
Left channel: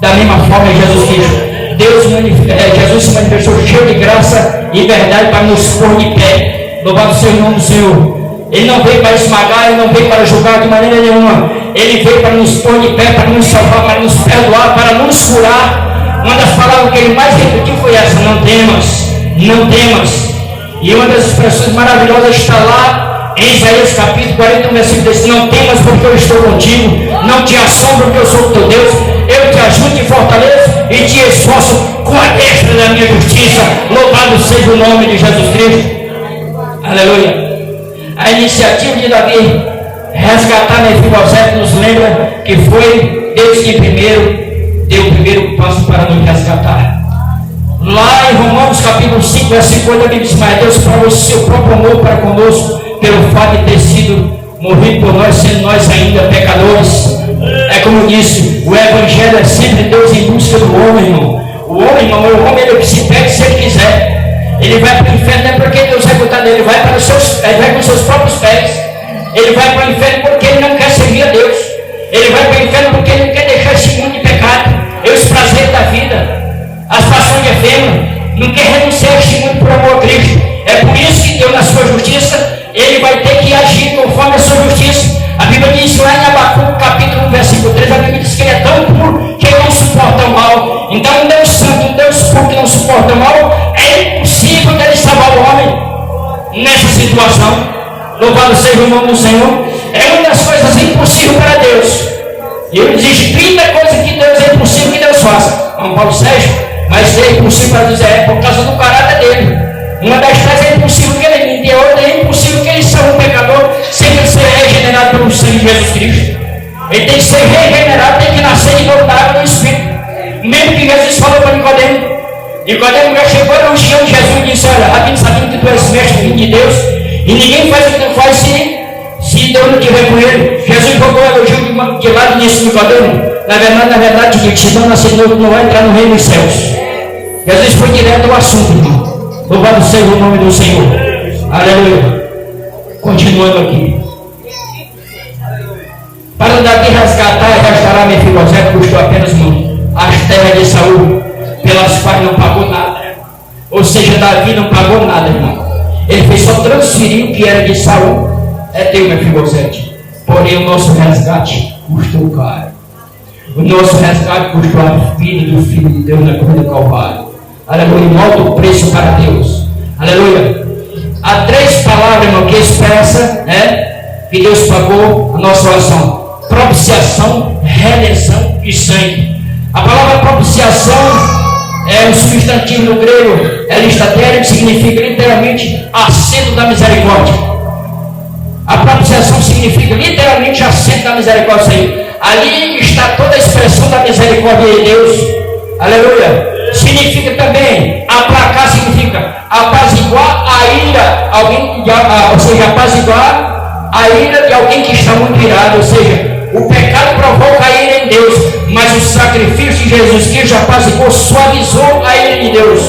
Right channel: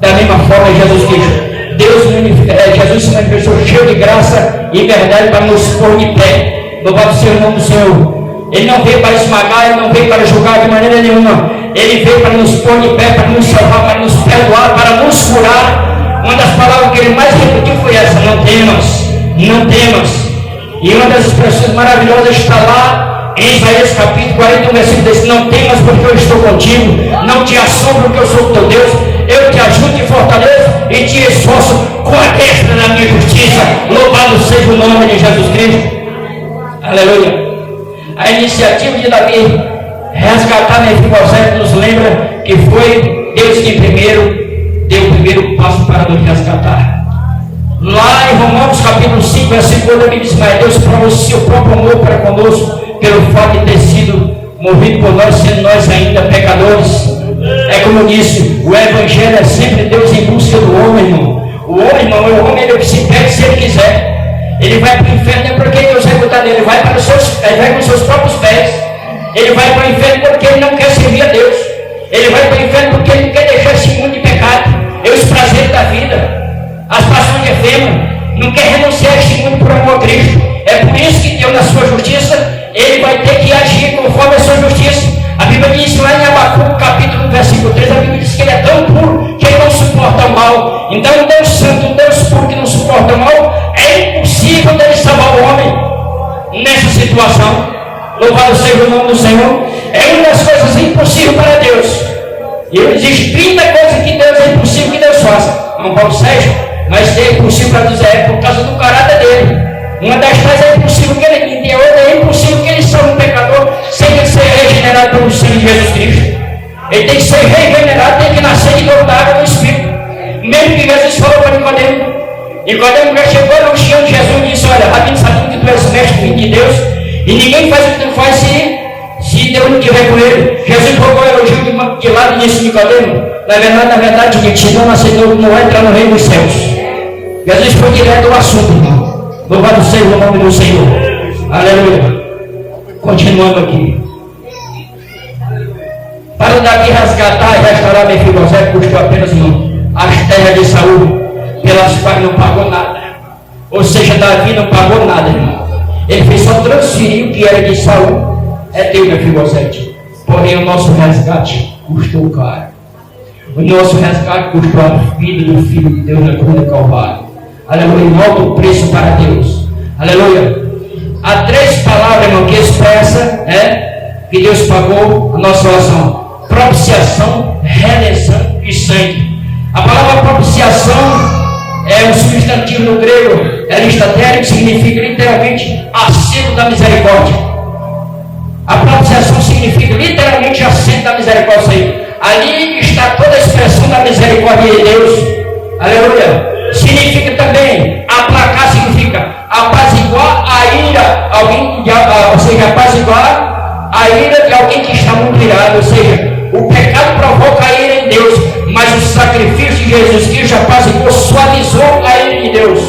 Da mesma forma, Jesus Cristo, Jesus se manifestou cheio de graça e verdade para nos pôr de pé. Louvado seja o nome do Senhor. Ele não veio para esmagar, ele não veio para julgar de maneira nenhuma. Ele veio para nos pôr de pé, para nos salvar, para nos perdoar, para nos curar. Uma das palavras que ele mais repetiu foi essa: não temas, não temas. E uma das expressões maravilhosas está lá em Isaías capítulo 41, versículo 10: não temas, porque eu estou contigo. Não te assombro, porque eu sou o teu Deus. Eu te ajudo e fortaleço e te esforço com a destra da minha justiça. Louvado seja o nome de Jesus Cristo. Aleluia. A iniciativa de Davi resgatar Mefibosete nos lembra que foi Deus quem primeiro deu o primeiro passo para nos resgatar. Lá em Romanos capítulo 5, versículo 8, a Bíblia diz: mas Deus prova o seu próprio amor para conosco, pelo fato de ter sido morrido por nós, sendo nós ainda pecadores. É como eu disse, o Evangelho é sempre Deus em busca do homem, irmão. O homem é o que se perde se ele quiser. Ele vai para o inferno não é porque Deus vai botar dele, ele vai com os seus próprios pés. Ele vai para o inferno porque ele não quer servir a Deus. Ele vai para o inferno porque ele não quer deixar esse mundo de pecado. Os prazeres da vida, as paixões efêmeras, não quer renunciar a este mundo por amor a Cristo. É por isso que Deus, na sua justiça, ele vai ter que agir conforme a sua justiça. A Bíblia diz lá em Abacuque capítulo 1, versículo 3, a Bíblia diz que ele é tão puro que ele não suporta o mal. Então um Deus santo, um Deus puro que não suporta o mal, é impossível dele salvar o homem nessa situação. Louvado seja o nome do Senhor. É uma das coisas impossíveis para Deus. E ele diz 30 coisas que Deus é impossível que Deus faça. Não pode ser, mas é impossível para dizer, é por causa do caráter dele. Uma das coisas é impossível que ele limpe, a outra é impossível que ele salve o pecador sem ser regenerado pelo sangue de Jesus Cristo. Ele tem que ser regenerado, tem que nascer de novo da água do Espírito. Mesmo que Jesus falou para Nicodemo. Nicodemo já chegou no chão de Jesus e disse: olha, rápido, sabendo que tu és mestre filho de Deus, e ninguém faz o que tu faz se Deus não estiver com ele. Jesus jogou o elogio de lado nesse Nicodemo. Na verdade, gente, se não nascer de novo, não vai entrar no reino dos céus. Jesus foi direto ao assunto, irmão. Louvado seja o nome do Senhor. Aleluia. Continuando aqui. Para Davi resgatar e restaurar Mefibosete, custou apenas as terras de Saul, pelas quais não pagou nada. Ou seja, Davi não pagou nada, irmão. Ele fez só transferir o que era de Saul. É teu, Mefibosete. Porém, o nosso resgate custou caro. O nosso resgate custou a vida do Filho de Deus na cruz do Calvário. Aleluia, um alto preço para Deus. Aleluia. Há 3 palavras, irmão, que expressa que Deus pagou a nossa oração: propiciação, redenção e sangue. A palavra propiciação é um substantivo no grego elistatérico, que significa literalmente assento da misericórdia. A propiciação significa literalmente assento da misericórdia. Ali está toda a expressão da misericórdia de Deus. Aleluia. Significa também, aplacar significa apaziguar a ira, ou seja, apaziguar a ira de alguém que está muito irado. Ou seja, o pecado provoca a ira em Deus, mas o sacrifício de Jesus Cristo apaziguou, suavizou a ira de Deus.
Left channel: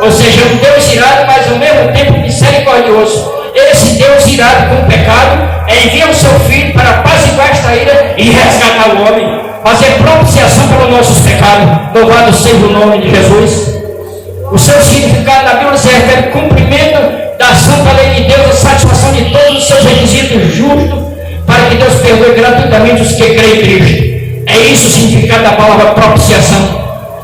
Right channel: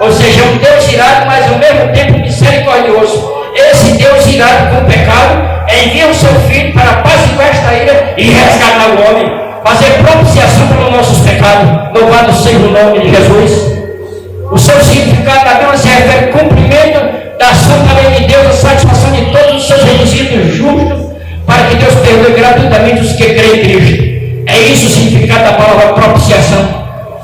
Ou seja, um Deus irado, mas ao mesmo tempo misericordioso. Esse Deus irado com o pecado envia o seu Filho para apaziguar esta ira e resgatar o homem, fazer propiciação pelos nossos pecados. Louvado seja o nome de Jesus. O seu significado na Bíblia se refere ao cumprimento da santa lei de Deus, a satisfação de todos os seus requisitos justos, para que Deus perdoe gratuitamente os que creem em Cristo. É isso o significado da palavra propiciação.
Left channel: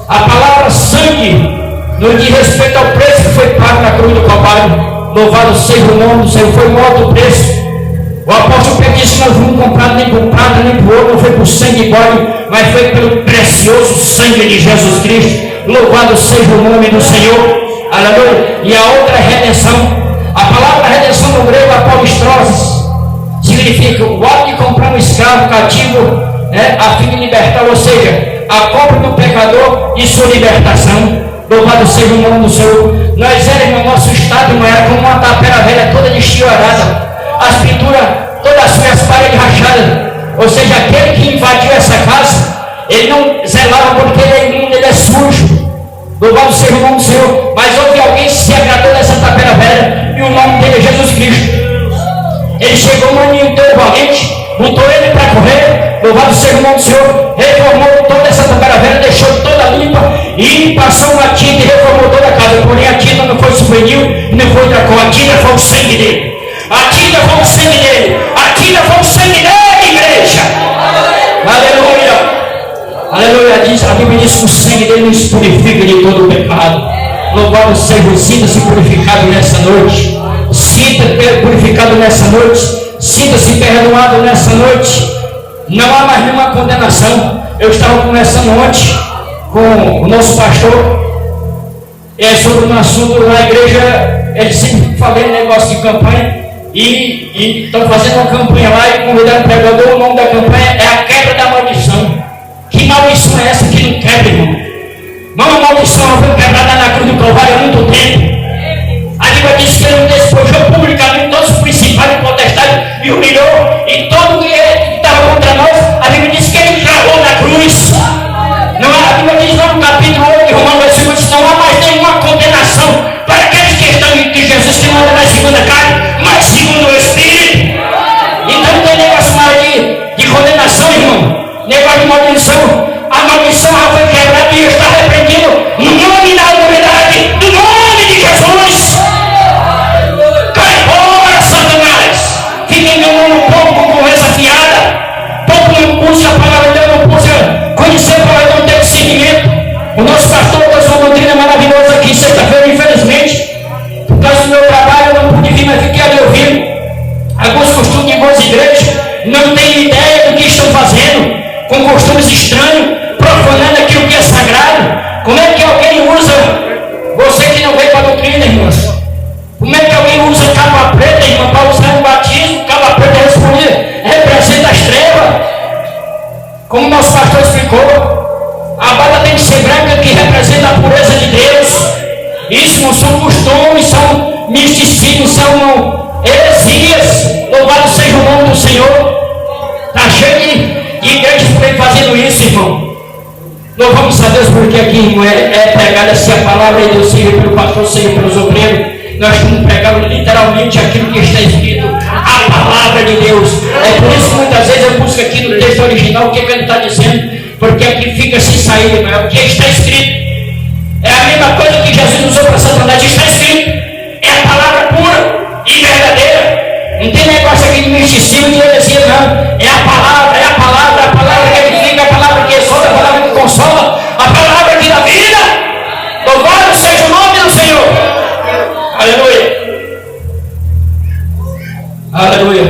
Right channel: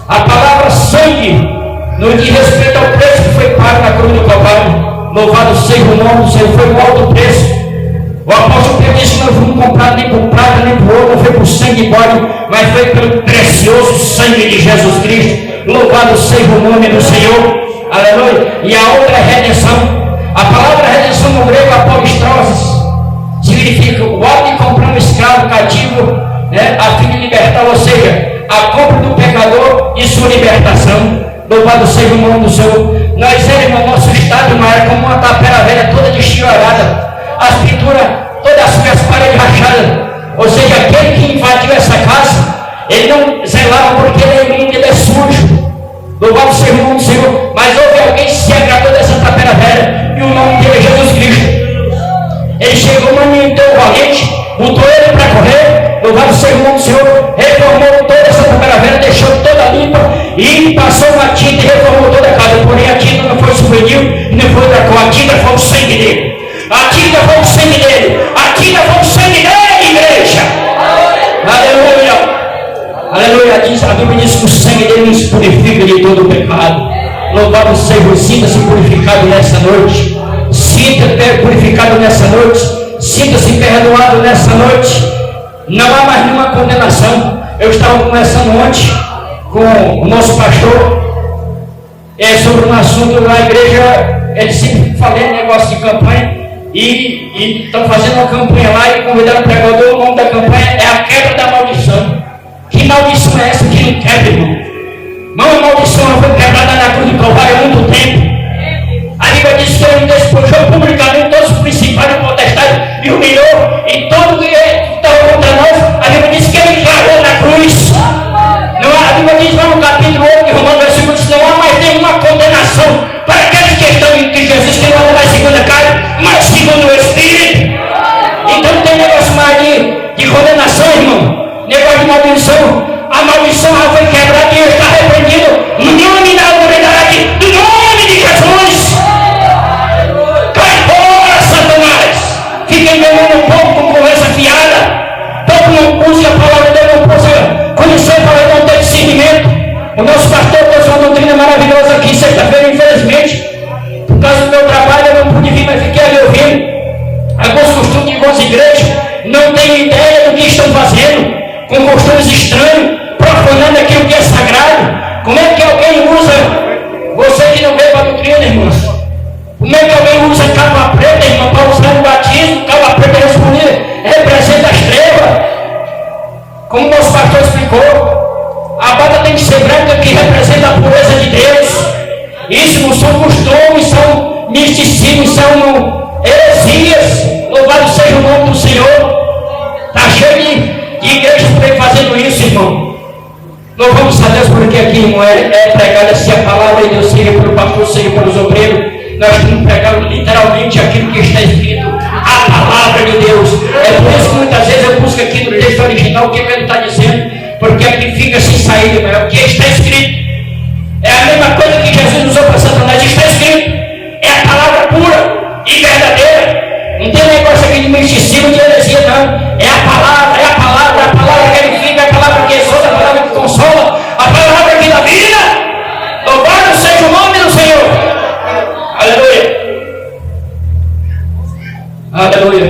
A palavra sangue não diz respeito ao preço que foi pago na cruz do Calvário. Louvado seja o nome do Senhor, foi um alto preço. O apóstolo Pedro disse que não fomos comprados nem por prata nem por ouro, não foi por sangue e bode, mas foi pelo precioso sangue de Jesus Cristo. Louvado seja o nome do Senhor. Aleluia. E a outra é redenção. A palavra redenção no grego, apostroses, significa o ato de comprar um escravo cativo, a fim de libertar, ou seja, a compra do pecador e sua libertação. Louvado seja o nome do Senhor. Nós éramos, nosso estado não era como uma tapera velha toda desfiorada, as pinturas, todas as paredes rachadas. Ou seja, aquele que invadiu essa casa, ele não zelava porque ele é imundo, ele é sujo. Louvado seja o nome do Senhor. Mas houve alguém que se agradou dessa tapera velha, e o nome dele é Jesus Cristo. Ele chegou no menino tão valente, botou ele para correr. Louvado seja o nome do Senhor. Reformou toda essa tapera velha, deixou toda limpa, e passou uma tinta e reformou toda a casa. Porém a tinta não foi souvenir, não foi outra cor, a tinta foi o sangue dele. A tinta foi o sangue dele. A tinta foi o sangue dele, igreja. Aleluia. Aleluia. A Bíblia diz que o sangue dele nos purifica de todo o pecado. Louvado seja, sinta-se purificado nessa noite. Sinta-se purificado nessa noite. Sinta-se perdoado nessa noite. Não há mais nenhuma condenação. Eu estava conversando ontem com o nosso pastor sobre um assunto na igreja. Ele sempre falando negócio de campanha. E estão fazendo uma campanha lá e convidaram o pregador. O nome da campanha é a quebra da maldição. Que maldição é essa que não quebra, irmão? Não, a maldição foi quebrada na cruz do Calvário há muito tempo. A Bíblia diz que ele despojou publicamente todos os principais e potestades e humilhou. E todo que estava contra nós, a Bíblia diz que ele cravou na cruz. Não, a Bíblia diz lá no capítulo 8 de Romanos, versículo 8, não há mais nenhuma condenação para aqueles que estão em Cristo Jesus, que não é segundo a carne, mas segundo o Espírito. Então não tem negócio mais de condenação, irmão. Negócio de maldição. A maldição já foi quebrada e está repreendido no nome da autoridade, no nome de Jesus. Cai fora, Satanás. Fica enganando o povo com conversa fiada. O povo não puxa a palavra dele, não puxa conhecer a palavra, não tem discernimento. O nosso pastor trouxe uma doutrina maravilhosa aqui sexta-feira, infelizmente, por causa do meu trabalho, eu não pude vir, mas fiquei ali ouvindo. Alguns costumes de algumas igrejas não têm ideia do que estão fazendo, com costumes estranhos, profanando aquilo que é sagrado. Como é que alguém usa, você que não veio para a doutrina, irmãos, como é que alguém usa capa preta, irmão, para usar um batismo? Capa preta representa as trevas, como o nosso pastor explicou. A barba tem que ser branca, que representa a pureza de Deus. Isso não são costumes, são misticismos, são heresias. Louvado seja o nome do Senhor. Está cheio de igrejas por aí fazendo isso, irmão. Louvamos a Deus porque aqui, irmão, é pregada se a palavra de Deus, seja pelo pastor, seja pelos obreiros. Nós estamos pregando literalmente aquilo que está escrito, a palavra de Deus. É por isso que muitas vezes eu busco aqui no texto original o que ele está dizendo, porque aqui fica sem saída, não é o que está escrito. É a mesma coisa que Jesus usou para Satanás, está escrito. É a palavra pura e verdadeira. Não tem negócio aqui de misticismo, de heresia, não. É a palavra que edifica, a palavra que exalta, a palavra que consola, a palavra que dá vida. Louvado seja o nome do Senhor. Aleluia. Aleluia.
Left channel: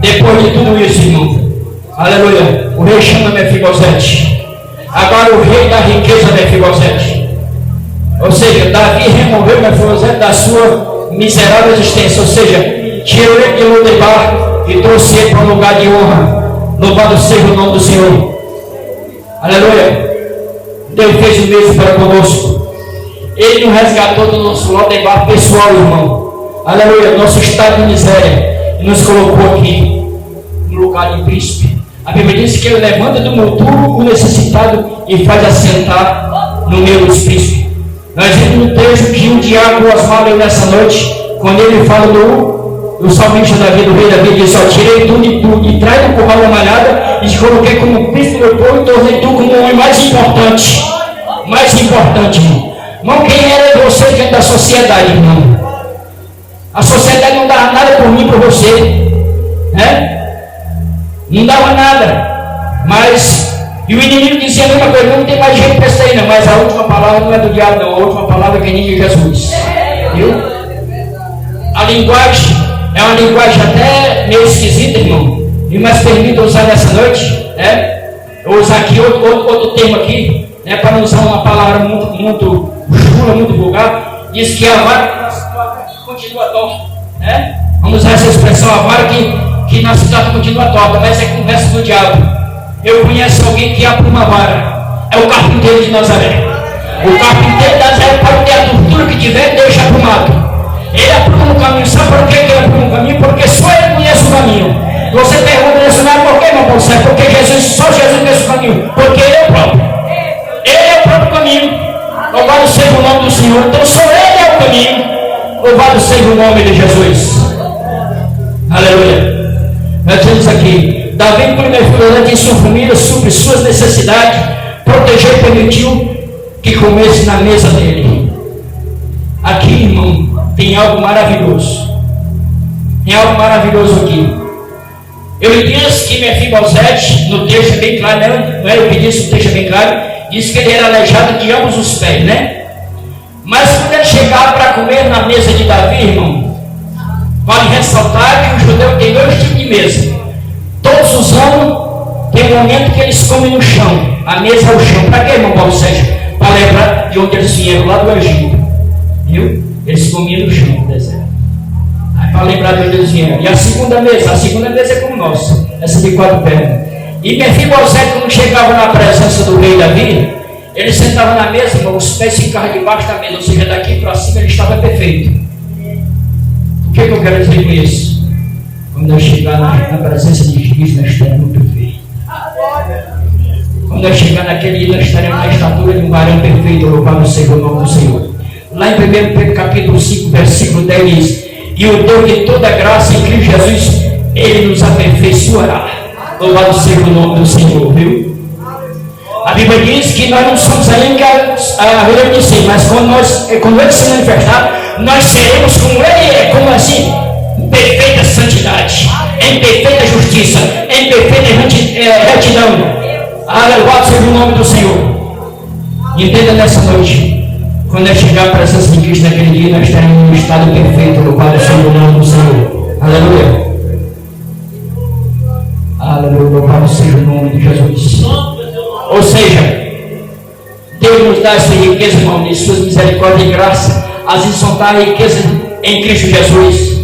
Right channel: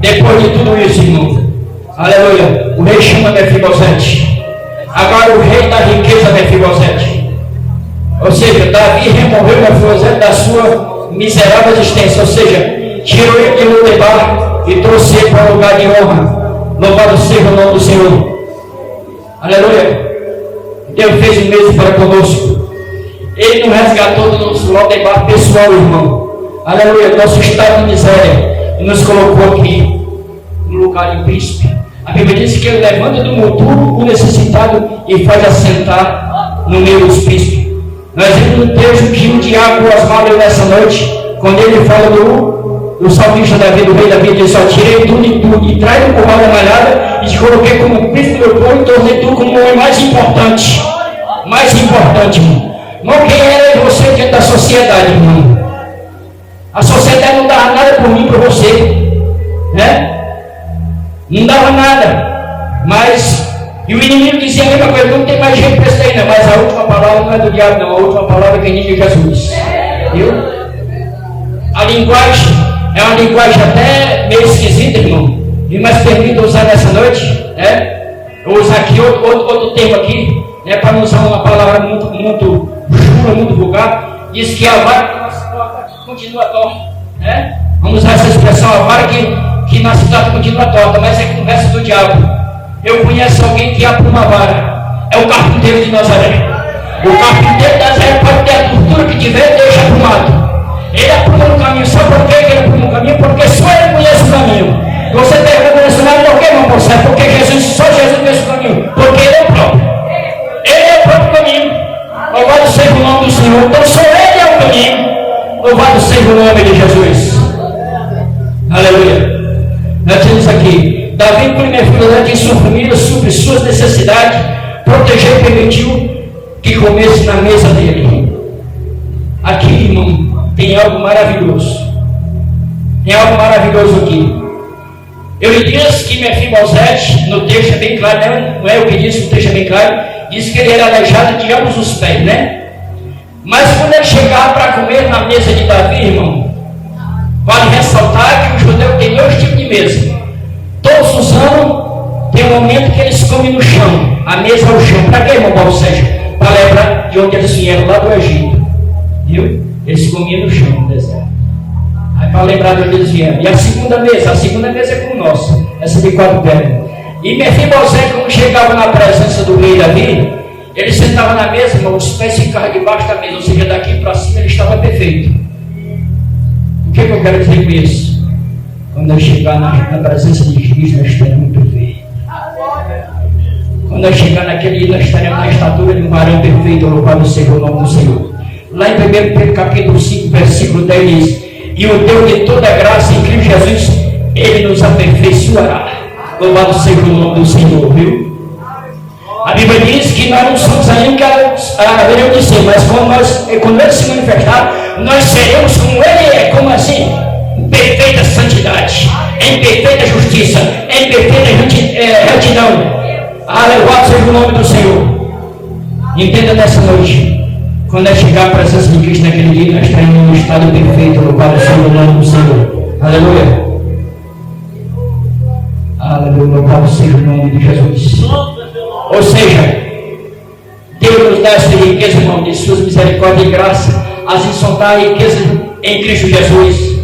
Depois de tudo isso, irmão, aleluia, o rei chama Mefibosete. Agora o rei da riqueza Mefibosete. Ou seja, Davi removeu Mefibosete da sua miserável existência. Ou seja, tirou ele de Lodebar e trouxe ele para um lugar de honra. Louvado seja o nome do Senhor. Aleluia. Deus fez o mesmo para conosco. Ele nos resgatou do nosso Lodebar pessoal, irmão. Aleluia. Nosso estado de miséria. E nos colocou aqui no lugar de príncipe. A Bíblia diz que ele levanta do monturo o necessitado e faz assentar no meio dos príncipes. Nós vemos um texto que o diabo Osmar leu nessa noite, quando ele fala do salmista Davi, do rei Davi, diz: só tirei tudo e trago com uma malhada e te coloquei como príncipe do meu povo e tornei tu como o homem mais importante. Mais importante, irmão. Irmão, quem era você diante da sociedade, irmão? A sociedade não dava nada por mim, por você, né? Não dava nada, mas e o inimigo dizia a mesma coisa: não tem mais jeito para isso aí, não. Mas a última palavra não é do diabo, não. A última palavra é que de Jesus, viu? A linguagem é uma linguagem até meio esquisita, irmão, e mas permita usar nessa noite, né? Eu vou usar aqui outro termo aqui, né? Para não usar uma palavra muito jura muito vulgar, diz que a vara que nasce torta continua torta. Né? Vamos usar essa expressão, a vara que nasce torta continua torta, mas é conversa do diabo. Eu conheço alguém que apruma a vara, é o carpinteiro de Nazaré. O carpinteiro de Nazaré pode ter a tortura que tiver, deixa aprumado. Ele apruma um caminho, sabe por que ele apruma um caminho? Porque só ele conhece o caminho. Você pergunta isso, não, por que, meu povo? É porque só Jesus conhece o caminho, porque ele é o próprio. Ele é o próprio caminho. Louvado seja o nome do Senhor. Então só ele é o caminho. Louvado seja o nome de Jesus. Aleluia. Nós temos aqui, Davi, primeiro filho, tinha sua família, sobre suas necessidades, protegeu e permitiu que comesse na mesa dele. Aqui, irmão, tem algo maravilhoso. Tem algo maravilhoso aqui. Ele diz que Mefibosete, no texto é bem claro, né? Não é o que diz, o texto é bem claro, diz que ele era aleijado de ambos os pés, né? Mas quando ele chegava para comer na mesa de Davi, irmão, vale ressaltar que o judeu tem dois tipos de mesa. Todos os anos tem um momento que eles comem no chão. A mesa é o chão. Para quê, irmão Paulo Sérgio? Para lembrar de onde eles vieram, lá do Egito. Viu? Eles comiam no chão, no deserto. Aí para lembrar de onde eles vieram. E a segunda mesa é como nossa, essa de 4 pernas. E Mefibosete, quando chegava na presença do rei Davi, ele sentava na mesa, irmão, os pés ficavam debaixo da mesa, ou seja, daqui para cima ele estava perfeito. O que eu quero dizer com isso? Quando eu chegar na presença de Cristo, nós estaremos perfeitos. Quando eu chegar naquele dia, nós estaremos na estatura de um varão perfeito, louvado seja o nome do Senhor. Lá em 1 Pedro capítulo 5, versículo 10 diz: e o Deus de toda graça em Cristo Jesus, Ele nos aperfeiçoará. Louvado seja o nome do Senhor, viu? A Bíblia diz que nós não somos ainda a veremos do Senhor, mas quando Ele se manifestar, nós seremos como Ele é. Como assim? Em perfeita santidade, em perfeita justiça, em perfeita retidão. Louvado seja o nome do Senhor. Entenda nessa noite, quando eu chegar à presença de Cristo naquele dia, nós estaremos no estado perfeito. Louvado seja o nome do Senhor. Aleluia. Aleluia. Louvado seja o nome de Jesus. Ou seja, Deus nos dá essa riqueza, irmão, de suas misericórdias e graça, assim são a riqueza em Cristo Jesus.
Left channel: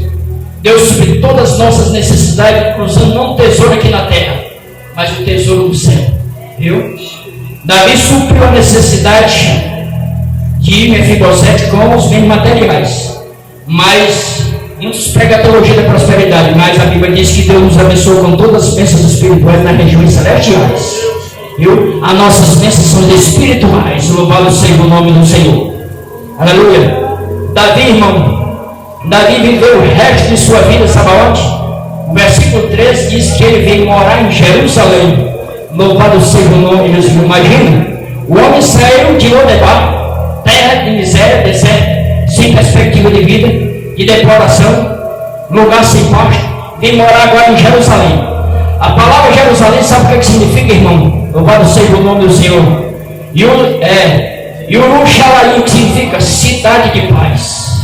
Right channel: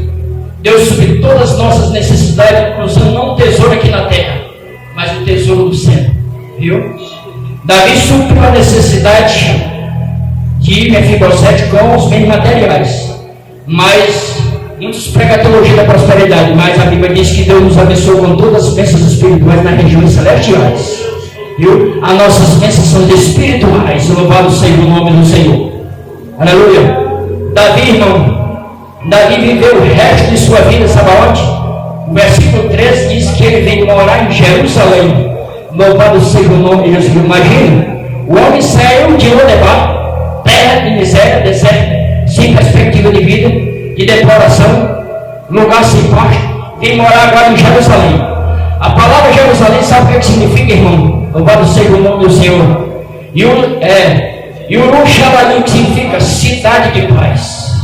Deus supre todas as nossas necessidades, usando não um tesouro aqui na terra, mas o tesouro do céu. Viu? Davi supriu a necessidade de Mefibosete com os bens materiais, mas muitos pregam a teologia da prosperidade, mas a Bíblia diz que Deus nos abençoou com todas as bênçãos espirituais nas regiões celestiais. Viu? As nossas bênçãos são espirituais. Louvado seja o nome do Senhor. Aleluia. Davi, irmão, Davi viveu o resto de sua vida, sabe aonde? O versículo 13 diz que ele veio morar em Jerusalém. Louvado seja o nome de Jesus. Imagina, o homem saiu de Lodebar, terra de miséria, deserto, sem perspectiva de vida, de deploração, lugar sem paz, vem morar agora em Jerusalém. A palavra Jerusalém, sabe o que significa, irmão? Louvado seja o nome do Senhor. E o Luxalaim, que significa cidade de paz.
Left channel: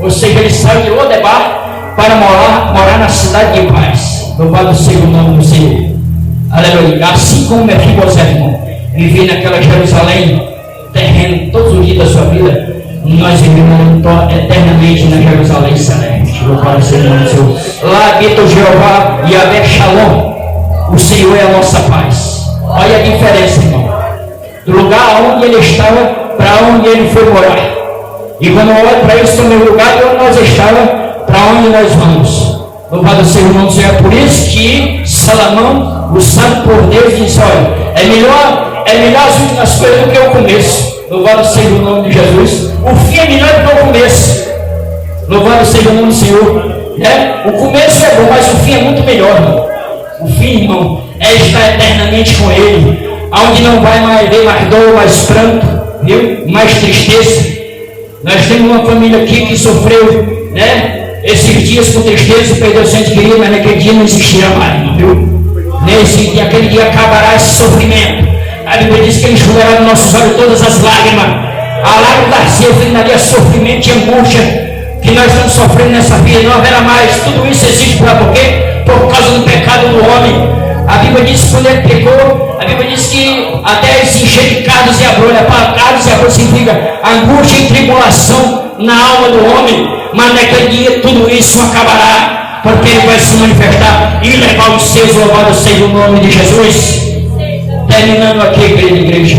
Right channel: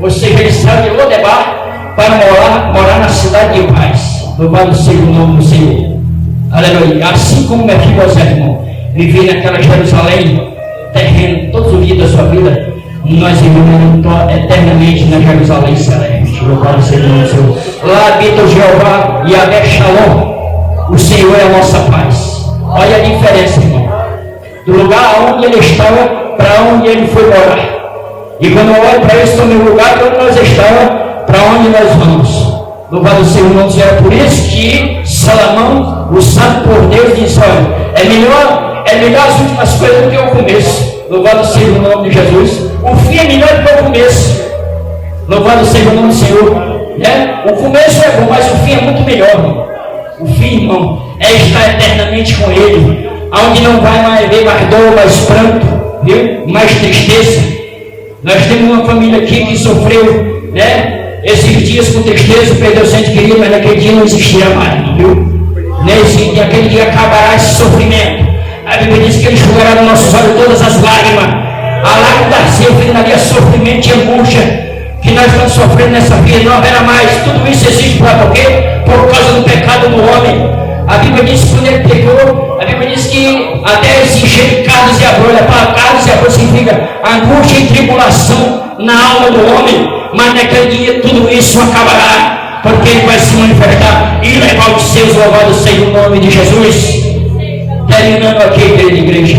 Ou seja, ele saiu de Lodebar para morar na cidade de paz. Louvado seja o nome do Senhor. Aleluia. Assim como Mefibosete, irmão, vivia naquela Jerusalém terreno todos os dias da sua vida, nós vivemos eternamente na Jerusalém celeste. Louvado seja o nome do Senhor. Lá habita o Jeová e Yahvé Shalom. O Senhor é a nossa paz. Olha a diferença, irmão, do lugar onde ele estava para onde ele foi morar. E quando eu olho para esse também lugar de onde nós estávamos, para onde nós vamos. Louvado seja o nome do Senhor. É por isso que Salomão, o santo por Deus, disse: olha, é melhor as últimas coisas do que o começo. Louvado seja o nome de Jesus. O fim é melhor do que o começo. Louvado seja o nome do Senhor. Né? O começo é bom, mas o fim é muito melhor, irmão. O fim, irmão, é estar eternamente com Ele, onde não vai mais haver mais dor, mais pranto, viu? Mais tristeza. Nós temos uma família aqui que sofreu, né? Esses dias com tristeza, perdeu o ente querido, mas naquele dia não existirá mais, viu? Nesse dia, aquele dia acabará esse sofrimento. A Bíblia diz que Ele enxugará nos nossos olhos todas as lágrimas. A lágrima da seu filho Maria, sofrimento e angústia que nós estamos sofrendo nessa vida, não haverá mais. Tudo isso existe por quê? Por causa do pecado do homem. A Bíblia diz que quando ele pegou, a Bíblia diz que até se encher de cardos e abrolha. Cardos e abrolha significa a angústia e tribulação na alma do homem. Mas naquele dia tudo isso acabará, porque ele vai se manifestar. E legal que seja, louvado seja o nome de Jesus. Terminando aqui, querida igreja,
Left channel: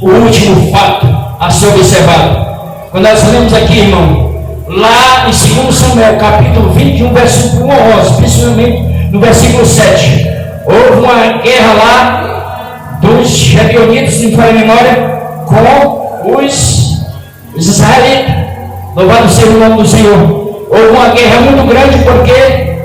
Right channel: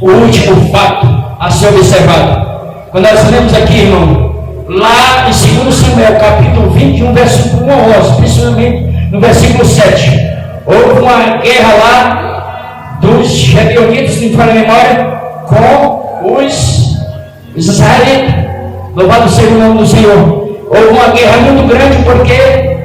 o último fato a ser observado. Quando nós lemos aqui, irmão, lá em 2 Samuel, capítulo 21, versículo 1 a 11, principalmente no versículo 7, houve uma guerra lá dos Gebeonitas, se não me falha a memória, com os israelitas. Louvado seja o nome do Senhor. Houve uma guerra muito grande porque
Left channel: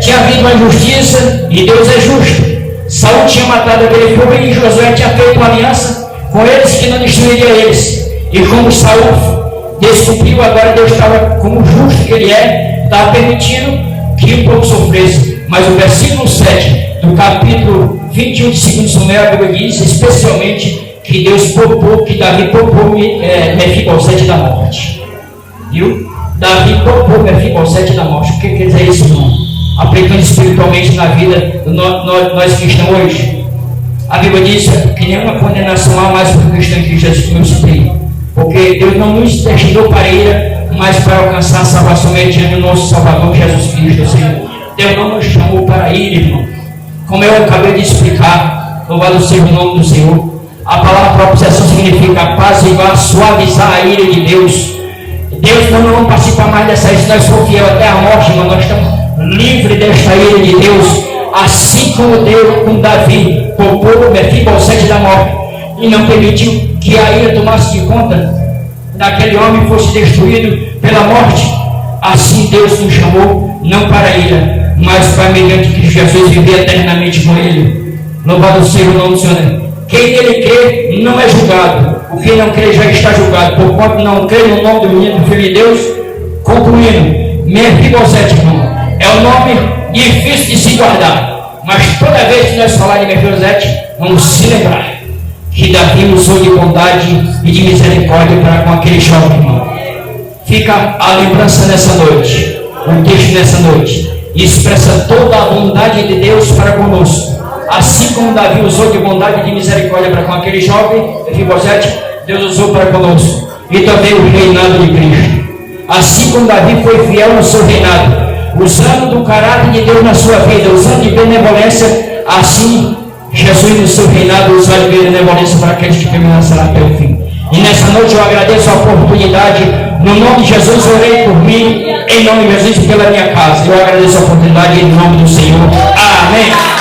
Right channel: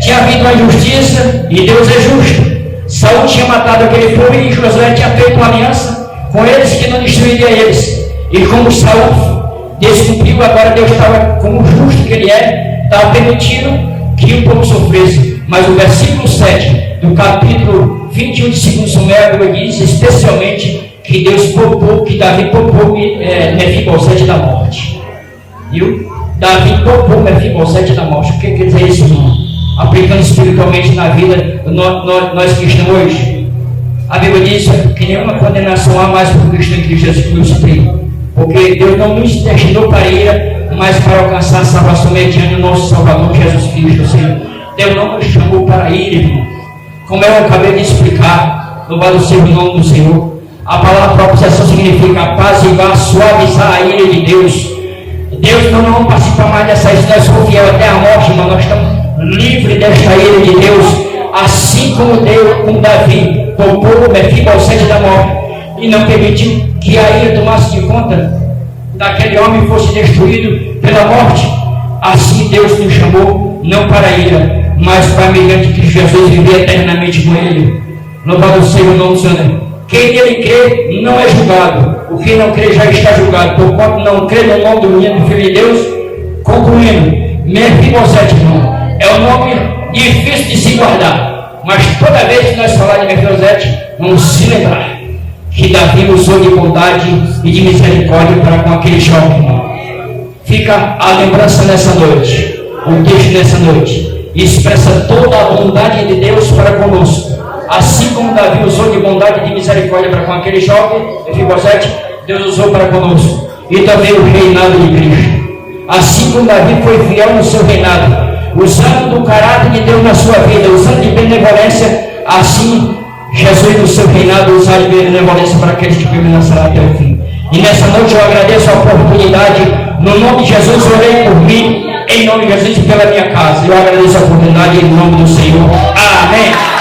tinha havido uma justiça e Deus é justo. Saul tinha matado aquele povo e Josué tinha feito uma aliança com eles que não destruiria eles. E como Saul descumpriu, agora Deus estava, como justo que ele estava permitindo que o povo sofresse. Mas o versículo 7 do capítulo 21 de 2 Samuel, a Bíblia diz especialmente que Deus poupou, que Davi poupou Mefibosete da morte. Viu? Davi poupou Mefibosete da morte. O que quer dizer isso, irmão? Aplicando espiritualmente na vida, nós cristãos hoje. A Bíblia diz que nenhuma condenação há mais para o cristão que Jesus nos supriu. Porque Deus não nos destinou para a ira, mas para alcançar a salvação mediante o nosso Salvador Jesus Cristo, Senhor. Deus não nos chamou para a ira, irmão. Como eu acabei de explicar, louvado seja o nome do Senhor. A palavra propiciação significa apaziguar, suavizar a ira de Deus. Deus não vamos participar mais dessa ira, se nós for fiel até a morte, irmão, nós estamos livres desta ira de Deus, assim como Deus com Davi poupou Mefibosete da morte e não permitiu que a ira tomasse de conta daquele homem e fosse destruído pela morte. Assim Deus nos chamou não para a ira, mas para mediante que Jesus viver eternamente com ele. Louvado seja o nome do Senhor. Quem nele crê não é julgado. O que não crê já está julgado, porquanto não crê no nome do menino do Filho de Deus. Concluindo, Mefibosete, irmão, é um nome difícil de se guardar, mas toda vez que nós falarmos de Mefibosete, vamos se lembrar que Davi usou de bondade e de misericórdia para com aquele jovem, irmão. Fica a lembrança nessa noite, o texto nessa noite, e expressa toda a bondade de Deus para conosco. Assim como Davi usou de bondade e de misericórdia para com aquele jovem, Mefibosete, Deus usou para conosco. E também o reinado de Cristo. Assim como Davi foi fiel no seu reinado, usando do caráter de Deus na sua vida, usando de benevolência, assim Jesus no seu reinado usar de benevolência para aqueles que permanecerão até o fim. E nessa noite eu agradeço a oportunidade, no nome de Jesus, orei por mim, em nome de Jesus e pela minha casa. Eu agradeço a oportunidade em nome do Senhor. Amém.